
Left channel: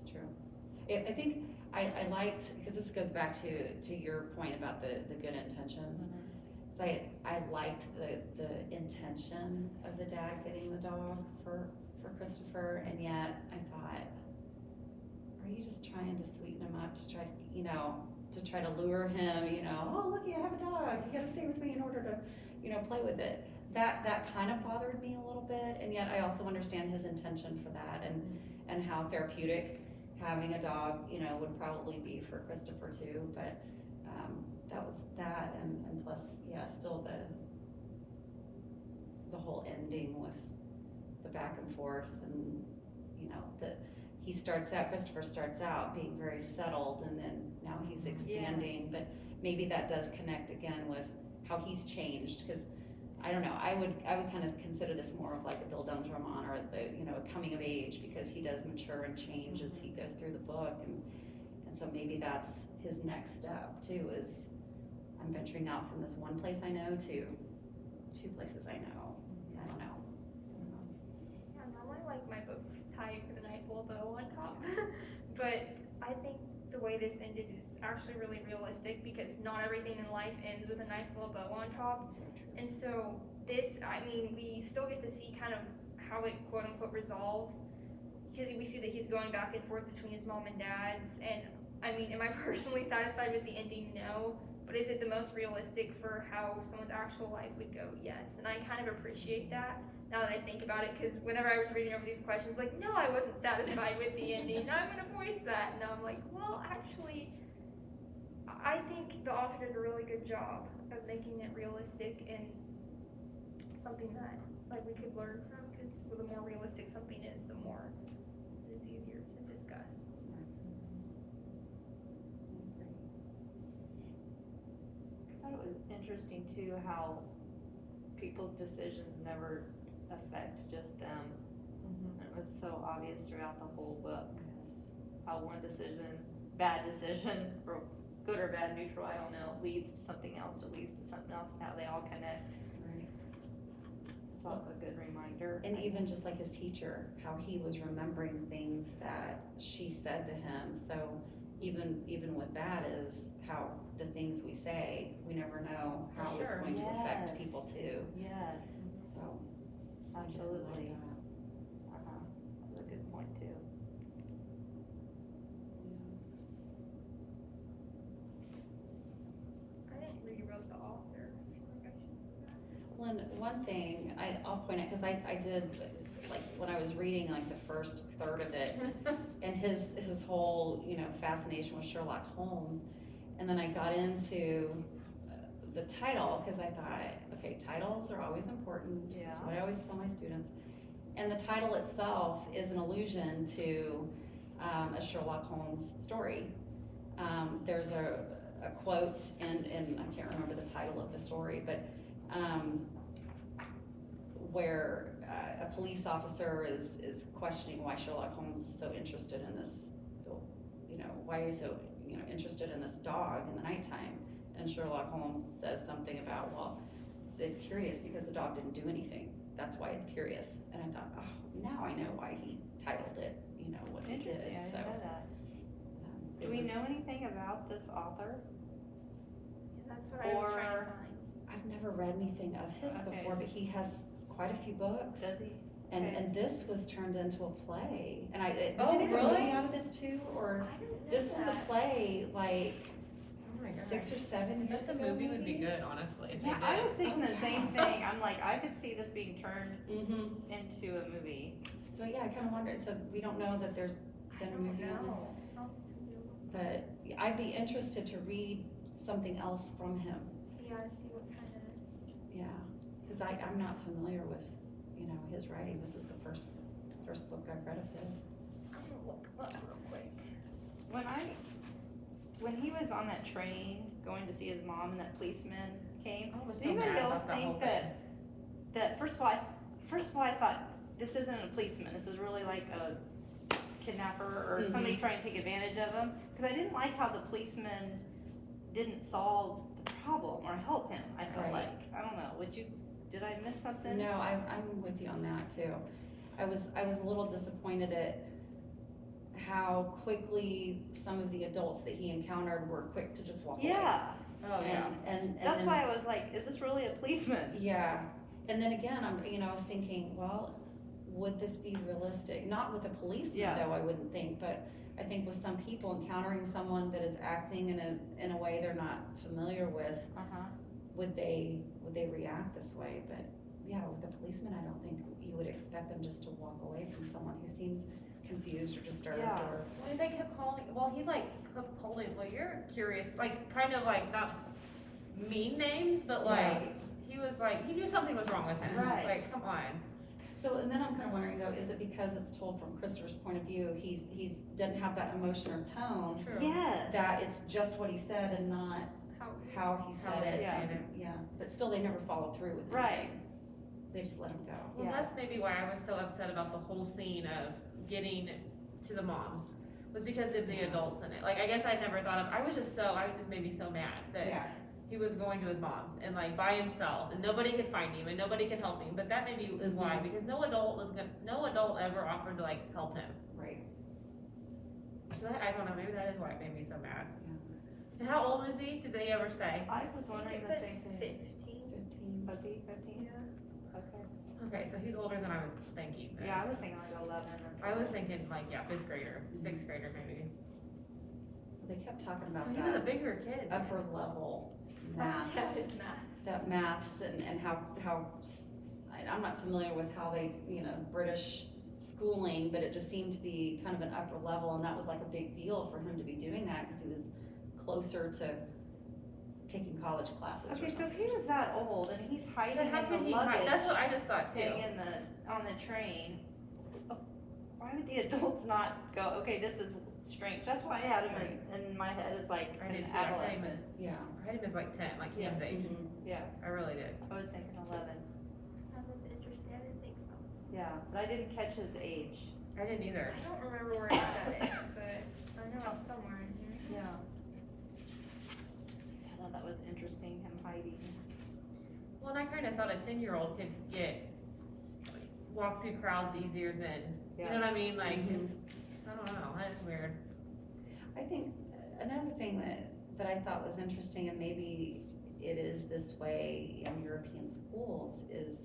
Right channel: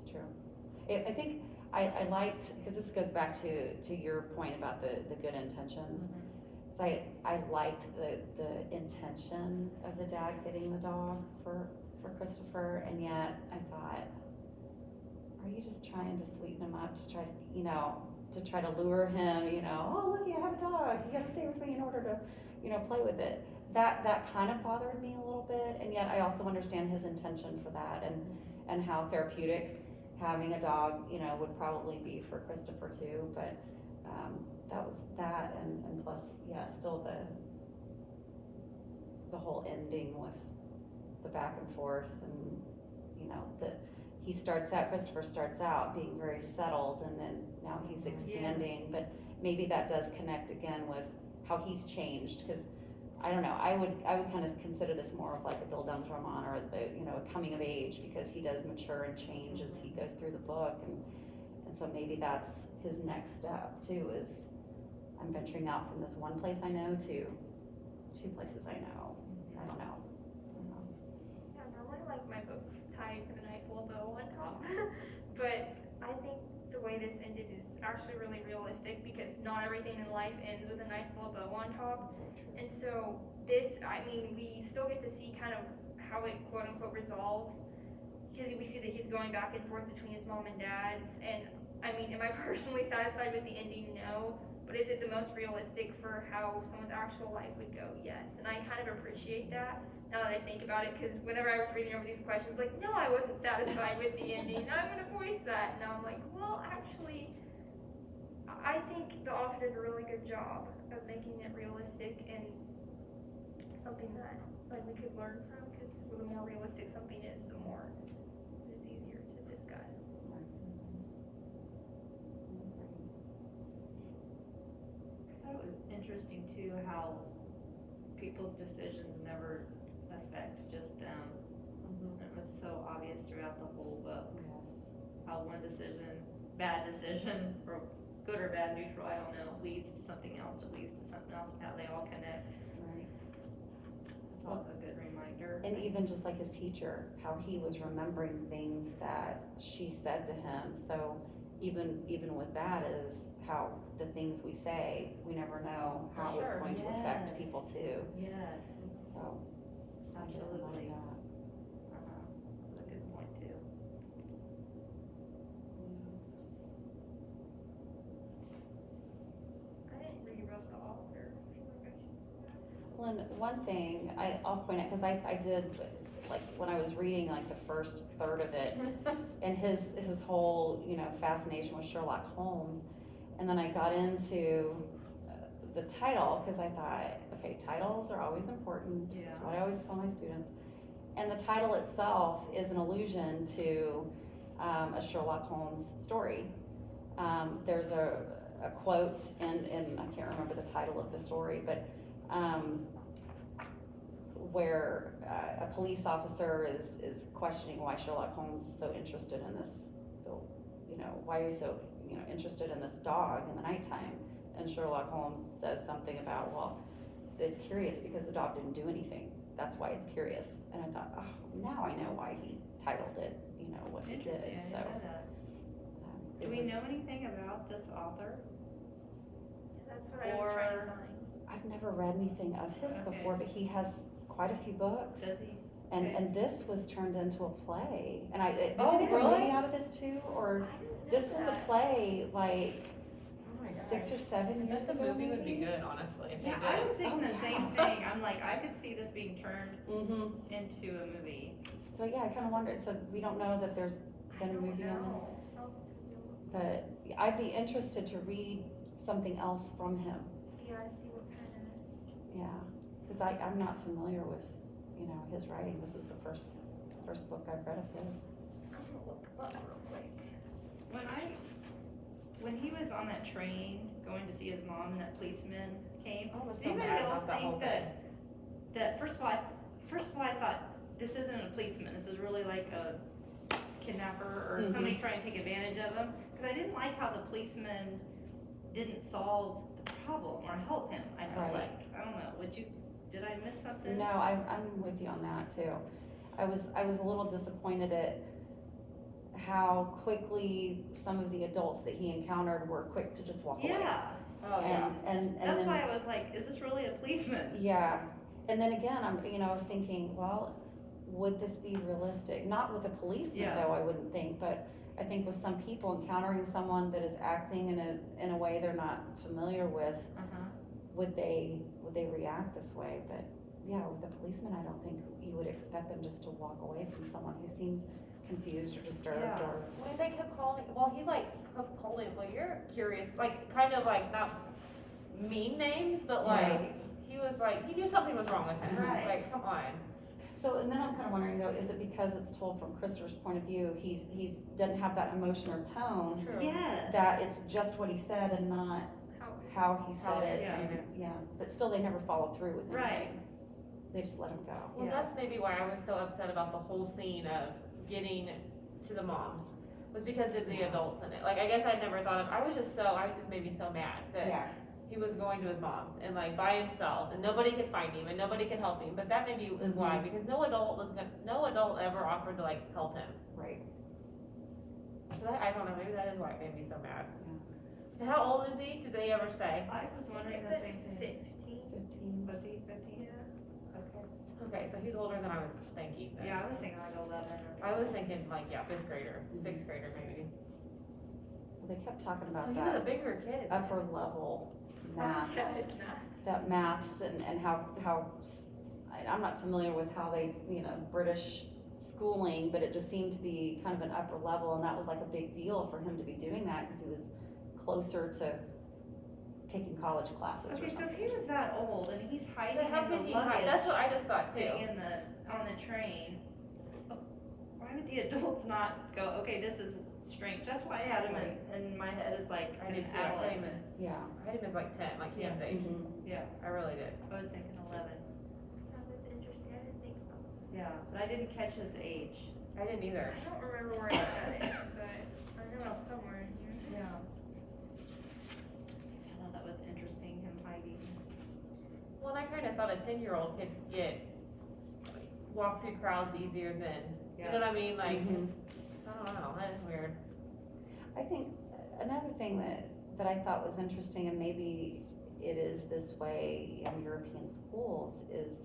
it's true. I think I liked, because this goes back to your point about the good intentions. I liked the intention of the dad getting the dog for Christopher, and yet I thought, are you just trying to sweeten him up, just try, you know, to try to lure him, you know, oh, look, I have a dog, you gotta stay with me in order to, you know, play with it. That kind of bothered me a little bit, and yet I also understand his intention for that, and how therapeutic having a dog, you know, would probably be for Christopher too, but, that was that, and plus, yeah, still the whole ending with the back and forth, and, you know, Christopher starts out being very settled, and then now he's expanding, but maybe that does connect again with how he's changed, because, I don't know, I would kind of consider this more of like a Bill Dunn's roman, or you know, a coming of age, because he does mature and change as he goes through the book, and so maybe that's his next step too, is I'm venturing out from this one place I know to two places I know. I don't know. Yeah, normally like my books tied with a nice little bow on top, but I think the way this ended is actually really realistic, because not everything in life ends with a nice little bow on top. And so this, I mean, we still get to see kind of how it quote unquote resolves, because we see that he's going back and forth between his mom and dad's. And I mean, am I personally satisfied with the ending? No, but but is it the most realistic for how someone's actual life would go? Yes. And I kind of appreciate that now that I think about it, because whenever I was reading over these questions, like, no, I wasn't satisfied with the ending. Now I'm going to voice that. And I'm like, well, actually, I think the author did a really good job of making it realistic and something that like we could learn from, because the more realistic something is, the more it's easier to discuss. I thought it was interesting too how people's decisions never affect just them. It was so obvious throughout the whole book. Yes. How one decision, bad decision, or good or bad, neutral, I don't know, leads to something else, that leads to something else, and how they all connect. Right. It's all a good reminder. And even just like his teacher, how he was remembering things that she said to him. So even with that is how the things we say, we never know For how sure. it's going to affect Yes. people too. Yes, So absolutely. that. That's a good point too. I didn't rewrote the author. I feel like I should. Well, and one thing I'll point out, because I did, like, when I was reading like the first third of it, and his whole, fascination with Sherlock Holmes, and then I got into the title, because I thought, okay, titles are always important. Yeah. That's what I always tell my students. And the title itself is an allusion to a Sherlock Holmes story. There's a quote, and I can't remember the title of the story, but where a police officer is questioning why Sherlock Holmes is so interested in this, why are you so, interested in this dog in the nighttime? And Sherlock Holmes says something about, well, it's curious because the dog didn't do anything. That's why it's curious. And I thought, oh, now I know why he titled it, what he did. Interesting, I So, didn't know that. it Do we was- know anything about this author? That's what I was trying to Or- find. I've never read anything of his Okay. before, but he has quite a few books. Does he? And this was turned into a play. And did Oh, they make a really? movie out of this too? Or I didn't know this was that. a play like Oh my gosh. 6 or 7 I years guess a ago. movie would be good, honestly, if they Yeah, I did. was thinking the same Yeah. thing. I'm like, I could see this being turned Mm-hmm. into a movie. So yeah, I kind of wondered. So we don't know that there's I been a don't movie on this. know. Oh, it's gonna be a little- But I'd be interested to read something else from him. Yeah, see what kind of. Yeah, because I'm not familiar with, his writing. This is the first book I've read of his. I'm gonna look up real quick. When he was on that train going to see his mom and that policeman came, I was did so anybody mad else about that whole think thing. that first of all I thought this isn't a policeman, this is really like a kidnapper or somebody trying to take advantage of him, because I didn't like how the policeman didn't solve the problem or help him. I felt Right. like, I don't know, did I miss something? No, I'm with you on that too. I was a little disappointed at how quickly some of the adults that he encountered were quick to just walk away. Yeah, Oh, yeah. And that's then, why I was like, is this really a policeman? yeah, and then again, I was thinking, well, would this be realistic? Not with a policeman Yeah. though, I wouldn't think, but I think with some people encountering someone that is acting in a way they're not familiar with, Uh-huh. would they react this way? But yeah, with a policeman, I don't think you would expect them just to walk away from someone who seems confused or disturbed Yeah. or. When they kept calling, he kept calling, well, you're curious, kind of not mean names, but Right. he was he knew something was wrong with him. Right. Come on. So, and then I'm kind of wondering though, is it because it's told from Christopher's point of view, he's doesn't have that emotion or tone, True. Yes. that it's just what he said and not how he How said they it? said and- it. Yeah, but still they never followed through with Right. anything. They just let him go. Well, Yeah. that's maybe why I was so upset about the whole scene of getting to the moms, was because of the adults in it. I guess I'd never thought of, I was just maybe so mad that Yeah, he was going to his mom's and by himself, and nobody could find him and nobody could help him, but that maybe is why, Mhm. because no adult ever offered to help him. right. So I don't know, maybe that is why it made me so mad. Yeah. And how old is he? Did they ever say? I was I wondering think the it's same at thing. 15. 15. Was he 15? Yeah. Okay. Okay, so he's older than I was thinking. then. Yeah, I was thinking like 11 or. I was thinking 5th grader, 6th grader maybe. Well, they kept talking So about he was a that bigger kid. upper level maths. Yeah, it's math. That maths and how, I'm not familiar with how they, British schooling, but it just seemed to be kind of an upper level, and that was like a big deal for him to be doing that, because he was closer to taking college classes or Okay, so something. if he was that old and he's hiding But how in could the he hide? luggage That's what I just thought too. thing on the train, why would the adults not go, okay, this is strange? That's why I had him in my head as like I an did too. I had him adolescent. Yeah. as like 10, like Cam's age. Mhm. Yeah, I really did. I was thinking 11. Oh, that's interesting, I didn't think about that. Yeah, but I didn't catch his age. I didn't either. I don't remember where I said it, but I know it's somewhere in here. Yeah. I thought that was interesting, him hiding. Well, and I kind of thought a 10-year-old could walk through crowds easier than, you know what I mean? Like, Mhm. I don't know, that is weird. I think another thing that I thought was interesting, and maybe it is this way in European schools, is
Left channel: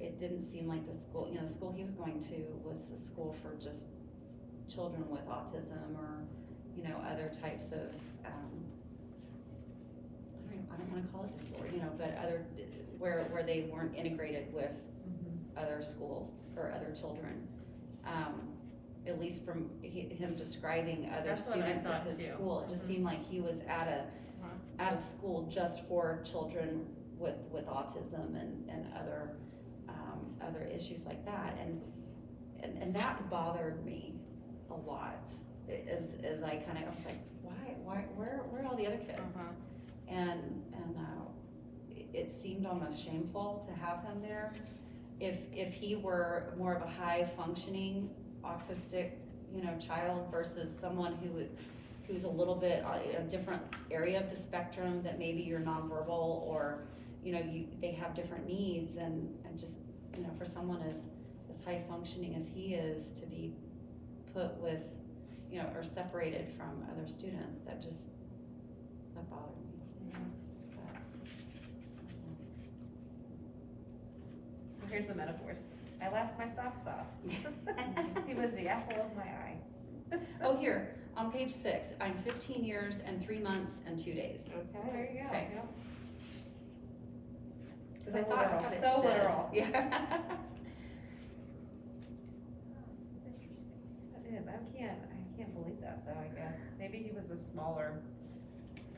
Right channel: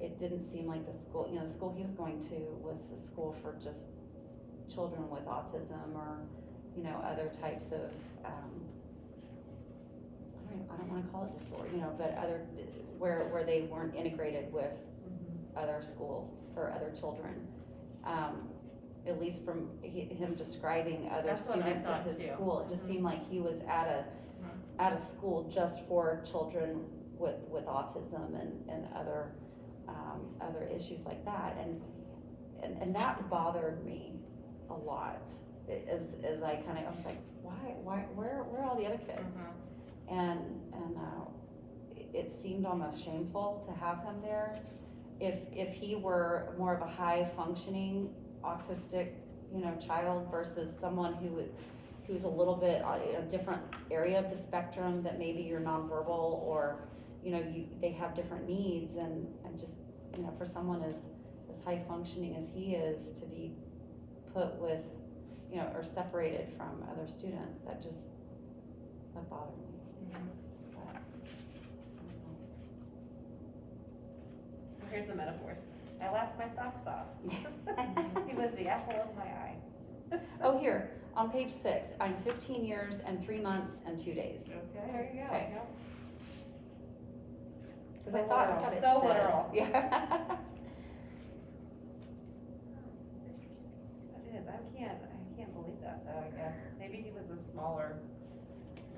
it didn't seem like the school he was going to was a school for just children with autism or, other types of, I don't wanna call it disorder, but other, where they weren't integrated with other schools or other children. At least from him describing other That's what I students at thought his too. school, it just seemed like he was at a school just for children with autism and other issues like that, and that bothered me a lot, as I was like, why, where are all the other kids? And it seemed almost shameful to have him there. If he were more of a high functioning autistic, child versus someone who's a little bit in a different area of the spectrum, that maybe you're nonverbal, or, they have different needs, and just, for someone as high functioning as he is, to be put with, or separated from other students, that bothered me. But, Here's the metaphors. I laughed my socks off. He was the apple of my eye. Oh, here, on page 6, I'm 15 years and 3 months and 2 days. Okay. There you go. Okay. 'Cause So I thought literal. it So said- literal. Yeah. Interesting. It is. I can't believe that though, I guess. Maybe he was a smaller,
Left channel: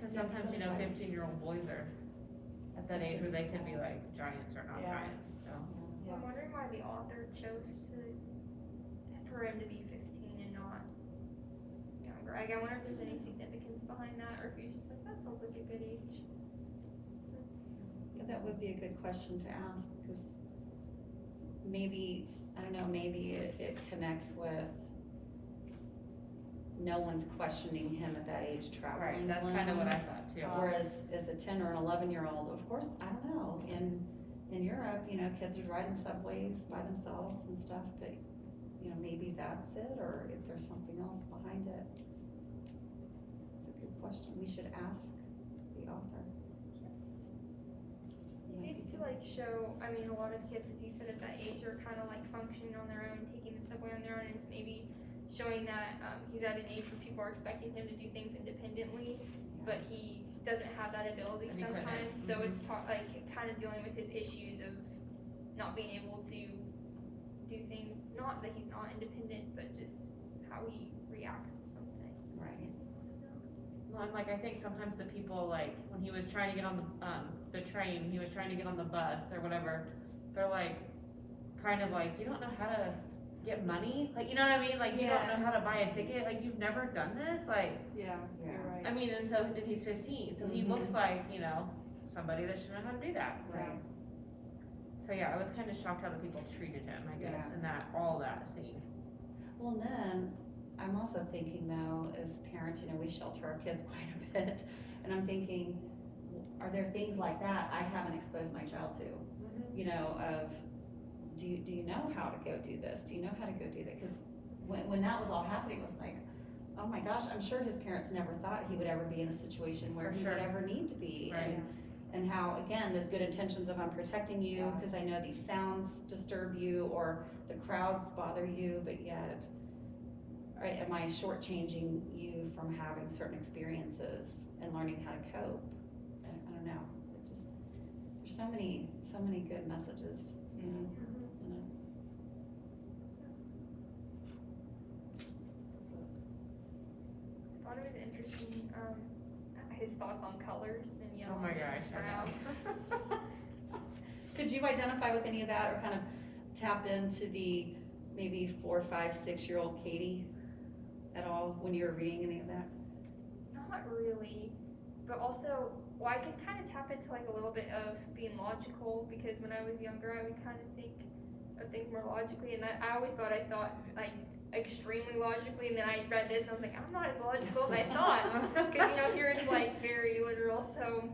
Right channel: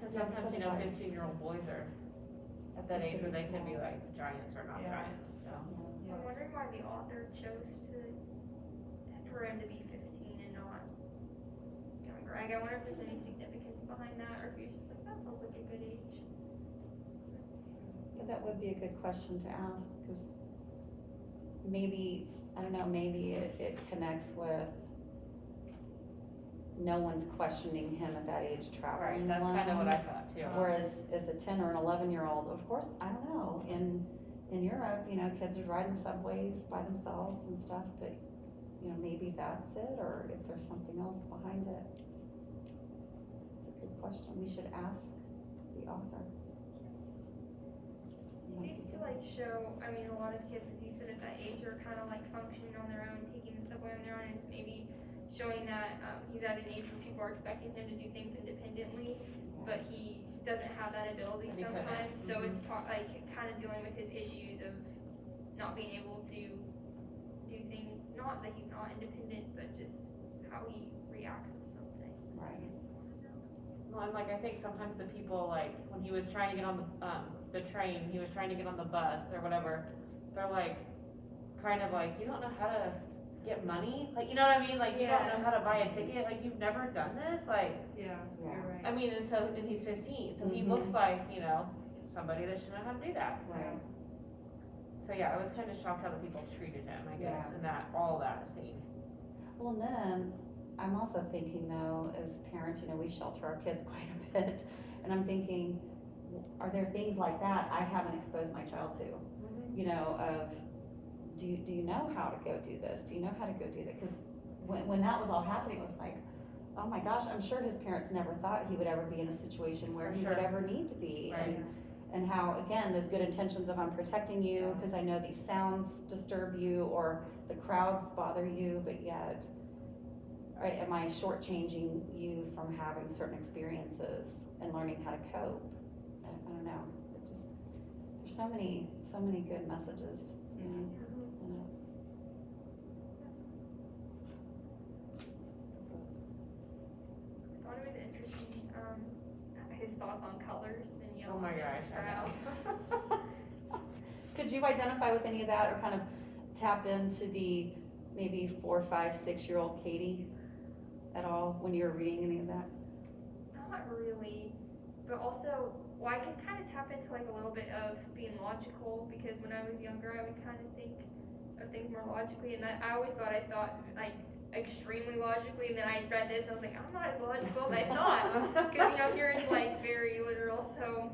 cause Yeah, sometimes, sometimes. 15-year-old boys are at that age where they could be like giants or not Yeah. giants, so. I'm wondering why the author chose for him to be 15 and not younger. I wonder if there's any significance behind that, or if he was just like, that sounds like a good age. Yeah, that would be a good question to ask, because maybe, I don't know, maybe it connects with no one's questioning him at that age Right, traveling that's kind of alone. what I thought too. Whereas as a 10 or an 11-year-old, of course, I don't know, in Europe, kids are riding subways by themselves and stuff, but, maybe that's it, or if there's something else behind it. It's a good question, we should ask the author. Maybe it's to show, a lot of kids, as you said, at that age are kind of functioning on their own, taking the subway on their own, and it's maybe showing that he's at an age where people are expecting him to do things independently, but he doesn't have that ability And he couldn't. sometimes, so it's kind of dealing with his issues of not being able to do things, not that he's not independent, but just how he reacts to some things. Right. Well, and I think sometimes the people, when he was trying to get on the train, he was trying to get on the bus or whatever, they're you don't know how to get money? You know what I mean? You don't know how to buy a ticket? You've never done this? Yeah, you're right. I mean, and he's 15, so he Mhm. looks like, somebody that should know how to do that. Right. So yeah, I was kind of shocked how the people treated him, I guess, Yeah. in all that scene. Well, and then, I'm also thinking though, as parents, we shelter our kids quite a bit, and I'm thinking, are there things like that I haven't exposed my child to? Of, do you know how to go do this? Do you know how to go do that? Because when that was all happening, it was like, oh my gosh, I'm sure his parents never thought he would ever be in a situation where For he sure. would ever need to be. Right. And how, again, those good intentions of I'm protecting you, because I know these sounds disturb you, or the crowds bother you, but yet, am I shortchanging you from having certain experiences and learning how to cope? don't know, it just, there's so many good messages, you know, in it. I thought it was interesting, his thoughts on colors and yellow. Oh my gosh, I brown. know. Could you identify with any of that, or kind of tap into the maybe 4, 5, 6-year-old Katie at all when you were reading any of that? Not really, but also, well, I could kind of tap into like a little bit of being logical, because when I was younger, I would kind of think of things more logically, and I always thought like extremely logically, and then I read this and I was like, I'm not as logical as I thought, because you know, here it's like very literal, so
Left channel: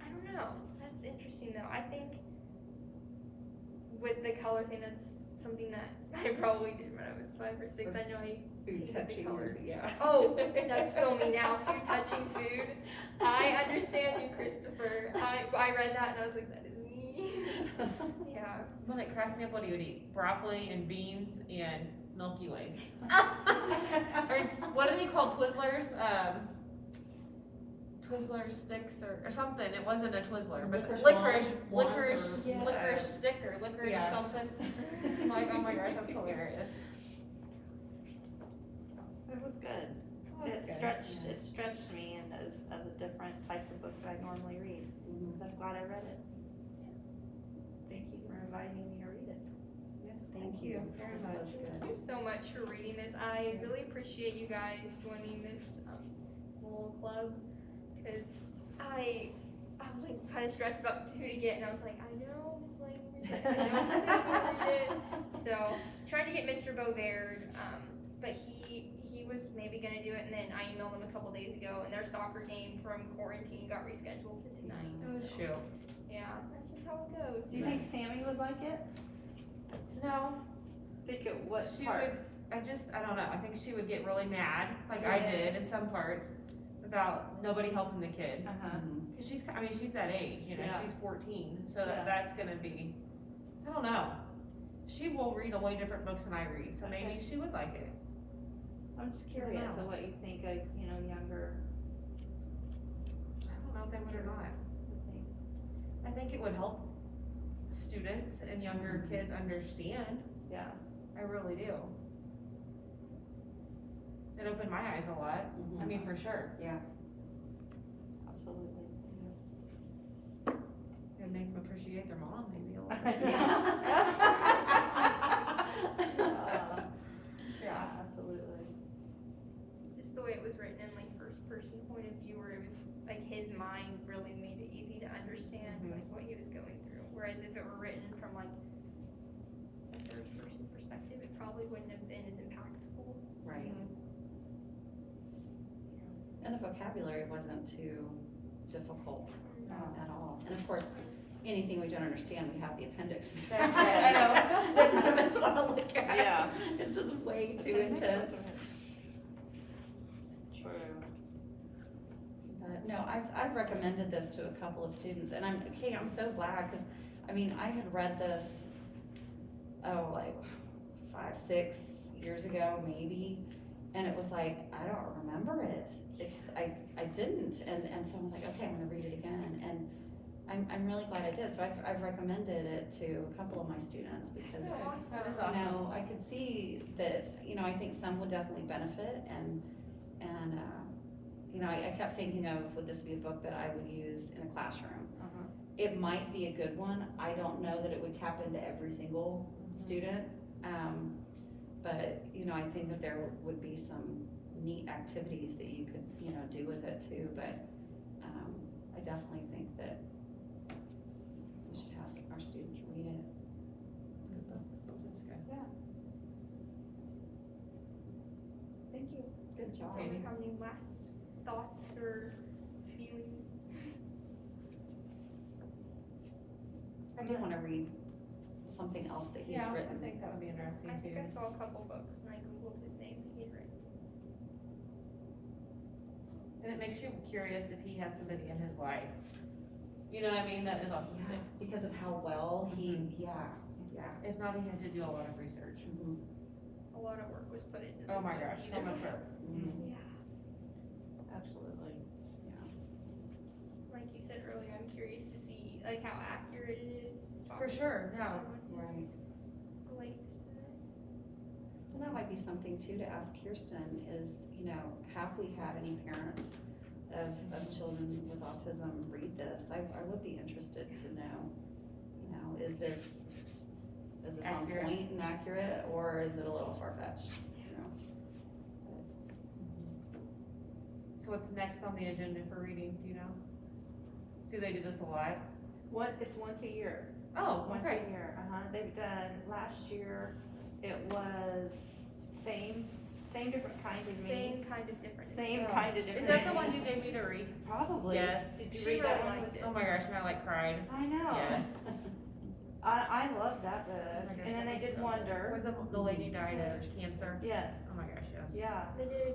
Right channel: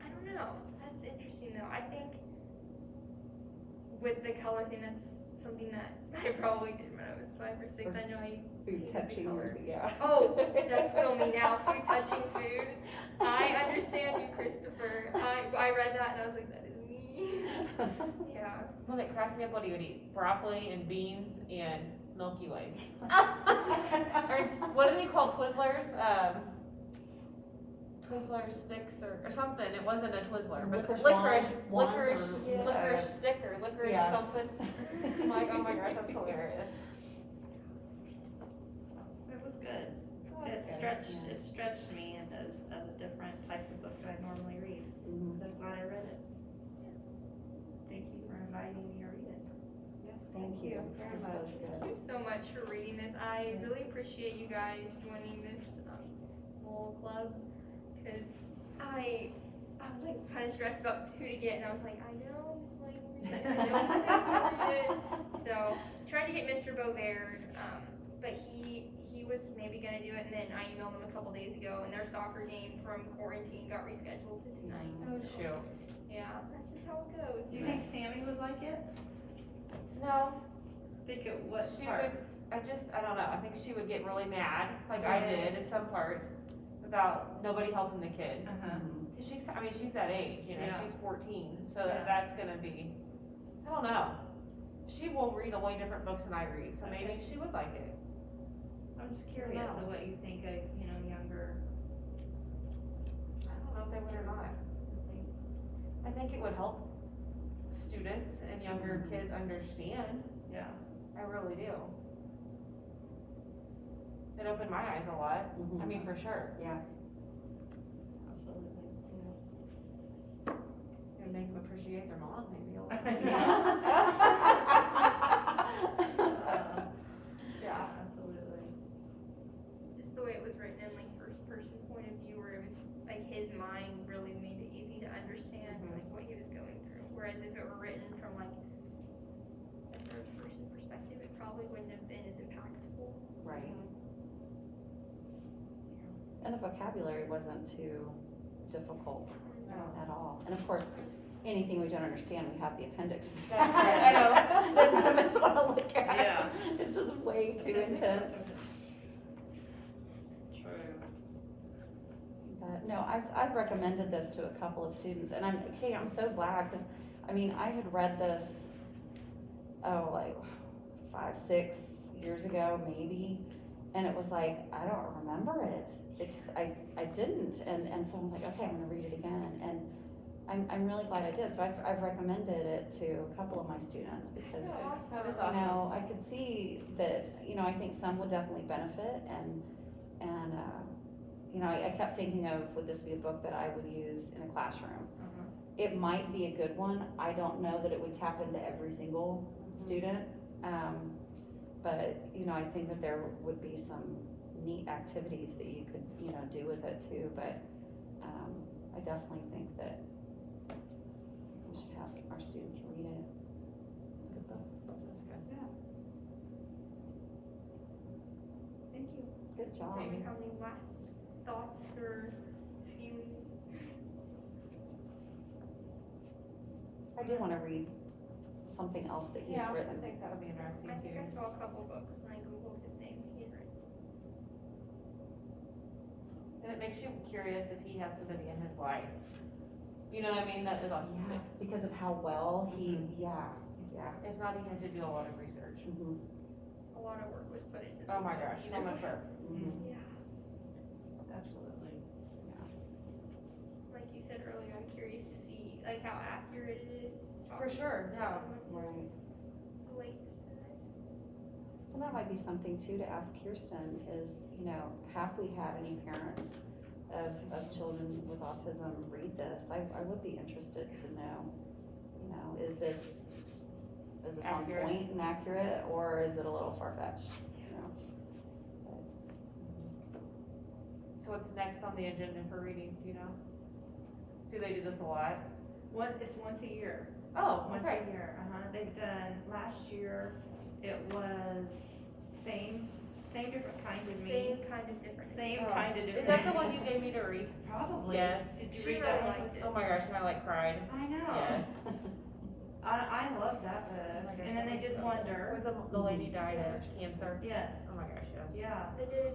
I don't know, that's interesting though. I think with the color thing, that's something that I probably did when I was 5 or 6. I know I Food hated the touching, color. yeah. Oh, that's still me now, food touching food. I understand you, Christopher. I read that and I was like, that is me. Yeah. Well, it cracked me up what he would eat, broccoli and beans and Milky Ways. Or what did he call Twizzlers? Twizzler sticks or something. It wasn't a Twizzler, but Licorice licorice wand. stick or licorice Yeah. something. I'm like, oh my gosh, that's hilarious. It was good. It stretched me and as a different type of book that I normally read. Mhm. I'm glad I read it. Thank you for inviting me to read it. Yes, thank you very This much. was Thank you so much for reading this. I really appreciate you guys joining this little club, because I was like kind of stressed about who to get, and I was like, I know Miss Lane will read it, I know Miss Lane will read it. So tried to get Mr. Beauvard, but he was maybe gonna do it, and then I emailed him a couple days ago, and their soccer game from quarantine got rescheduled to tonight. Oh So, shoot. yeah, that's just how it goes. Do you think Sammy would like it? No, Think of what she parts? would. I don't know. I think she would get really mad, like I did in some parts, about nobody helping the kid. Uh-huh. Mhm. 'Cause she's that age, you know, Yeah. she's 14, so Yeah. that's gonna be, I don't know. She will read a way different books than I read, so maybe she would like it. I'm just curious know. of what you think of, younger. I don't know if they would or not. I think it would help students and younger kids understand. Yeah. I really do. It opened my eyes a lot. I mean, for sure. Yeah. Absolutely. It makes them appreciate their mom maybe a little Yeah, absolutely. Just the way it was written in like first person point of view, where it was like his mind really made it easy to understand like what he was going through. Whereas if it were written from like a third person perspective, it probably wouldn't have been as impactful. Right. And the vocabulary wasn't too difficult at all. And of course, anything we don't understand, we have the appendix. That's right. That none of us want to look at. Yeah. It's just way too intense. True. But no, I've recommended this to a couple of students, and I'm so glad, because, I mean, I had read this, like 5, 6 years ago, maybe, and it was like, I don't remember it. I didn't, and so I was like, okay, I'm gonna read it again, and I'm really glad I did. So I've recommended it to a couple of my students, because That is you know, I could see that, I think some would definitely benefit, and I kept thinking of, would this be a book that I would use in a classroom? Uh-huh. It might be a good one. I don't know that it would tap into every single student, but, I think that there would be some neat activities that you could, do with it too, but, I definitely think that we should have our students read it. It's a good book. That's good. Thank you. Good job. Do you have any last thoughts or feelings? I do wanna read something else that he's Yeah, I written. think that would be interesting I think I too. saw a couple books when I googled his name that he had written. And it makes you curious if he has somebody in his life, you know what I mean, that is Yeah, autistic. because of how well he, yeah. If not, he had to do a lot of research. Mhm. A lot of work was put into this. Oh my book, gosh, so much work. Mhm. Yeah, Absolutely. like you said earlier, like how accurate it is. Just For talking sure, to yeah. someone Right. who relates to this. Well, that might be something too to ask Kirsten is, you know, have we had any parents of children with autism read this? I would be interested to know, you know, is this on Accurate. point and accurate, or is it a little far-fetched, you know? So what's next on the agenda for reading, do you know? Do they do this a lot? It's once a year. Oh, Once okay. a year, they've done, last year, it was same different kind as me. Same kind of difference. Same Oh. kind of different. Is that the one you gave me to read? Probably. Yes. Did you She read really that one? liked it. Oh my gosh, and I like cried. I know. Yes. I love that Oh book. my gosh, And then that they was did so Wonder. good. Where the lady died of cancer. Yes, Oh my gosh, yes. yeah. They did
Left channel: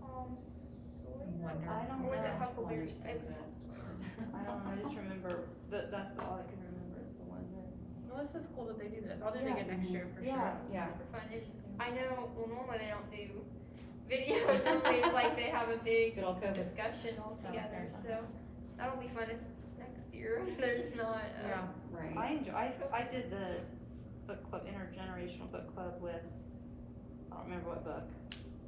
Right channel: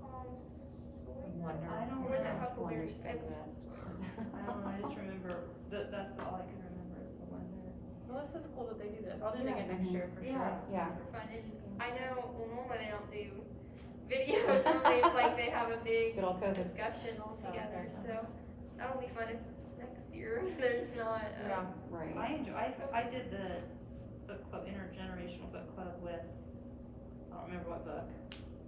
Tom Sawyer. Wonder. I don't Or was it know. Huckleberry? Wonder's so It was good. Tom Sawyer. I don't know, I just remember, that's all I can remember is the Wonder. Well, this is cool that they do this. I'll do it again next year for Yeah. sure. Yeah. Super fun. And I know, well, normally they don't do videos. Normally it's like they have a big Good old COVID. discussion all together. So that'll be fun if next year there's not. Yeah. Right. I did the book club, Intergenerational Book Club with, I don't remember what book,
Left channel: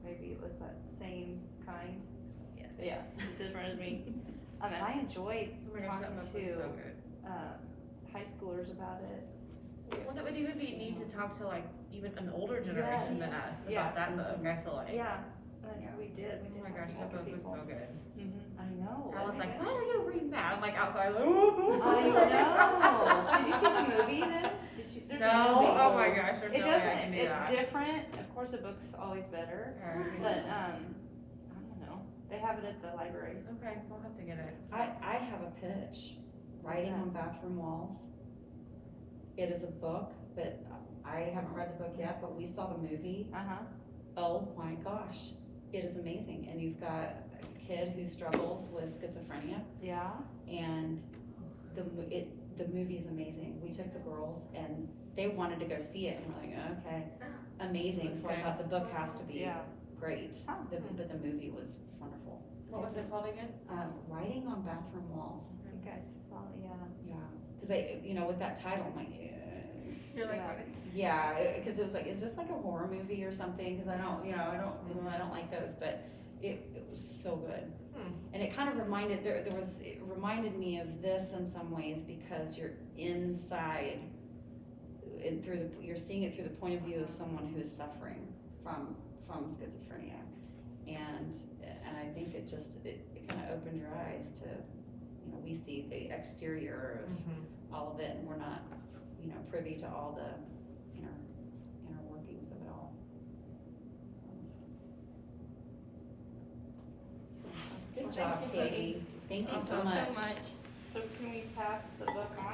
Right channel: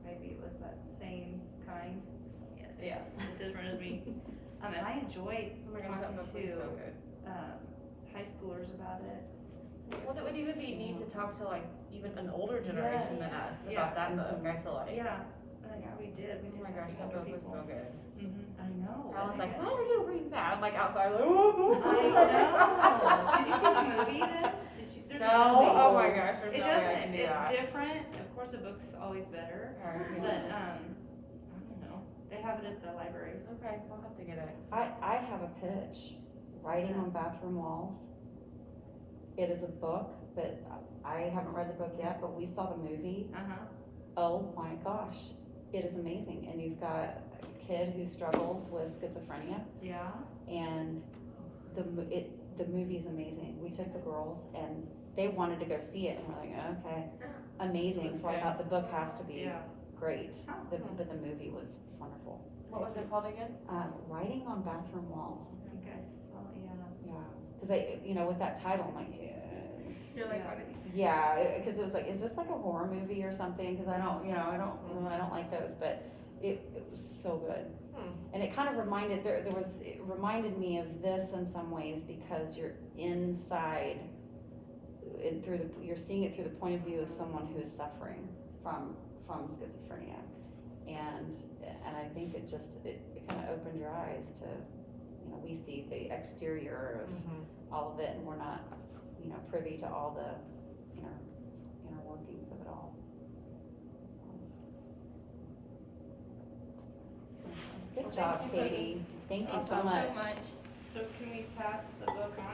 maybe it was that Same Kind. Yes. Yeah, different as me. And I enjoyed Oh my gosh, that book was talking so to, good. high schoolers about it. Well, it would even be neat to talk to like even an older generation than us Yeah. about that book, I feel like. Yeah, Yeah. we did. Oh We my did gosh, have that some book older was people. so good. I know. Alan's like, and- why are you reading that? I'm like outside like, ooh. I know. Did you see the movie then? There's a No, movie. oh my gosh, there's It no way I can doesn't, do it's that. different, of course the book's always better, Okay. but, I don't know, they have it at the library. Okay, we'll have to get it. I have a pitch, Writing on Bathroom Walls. It is a book, but I haven't read the book yet, but we saw the movie. Uh-huh. Oh my gosh, it is amazing, and you've got a kid who struggles with schizophrenia, Yeah. and the movie's amazing. We took the girls, and they wanted to go see it, and we're like, okay, amazing, so I thought the book has to be Yeah. great, Oh, but the movie was wonderful. What was it called again? Writing on Bathroom Walls, You guys saw it, yeah. yeah, because with that title, I'm like, You're like, Yeah. what is? yeah, because it was like, is this like a horror movie or something? Because I don't like those, but it was so good. And it kind of reminded, it reminded me of this in some ways because you're inside, you're seeing it through the point of view of someone who's suffering from schizophrenia. And I think it kind of opened your eyes to, we see the exterior of all of it, and we're not, privy to all the inner workings of it all. Good job, Katie. Thank you so Thank you much. so much. So can we pass the book on?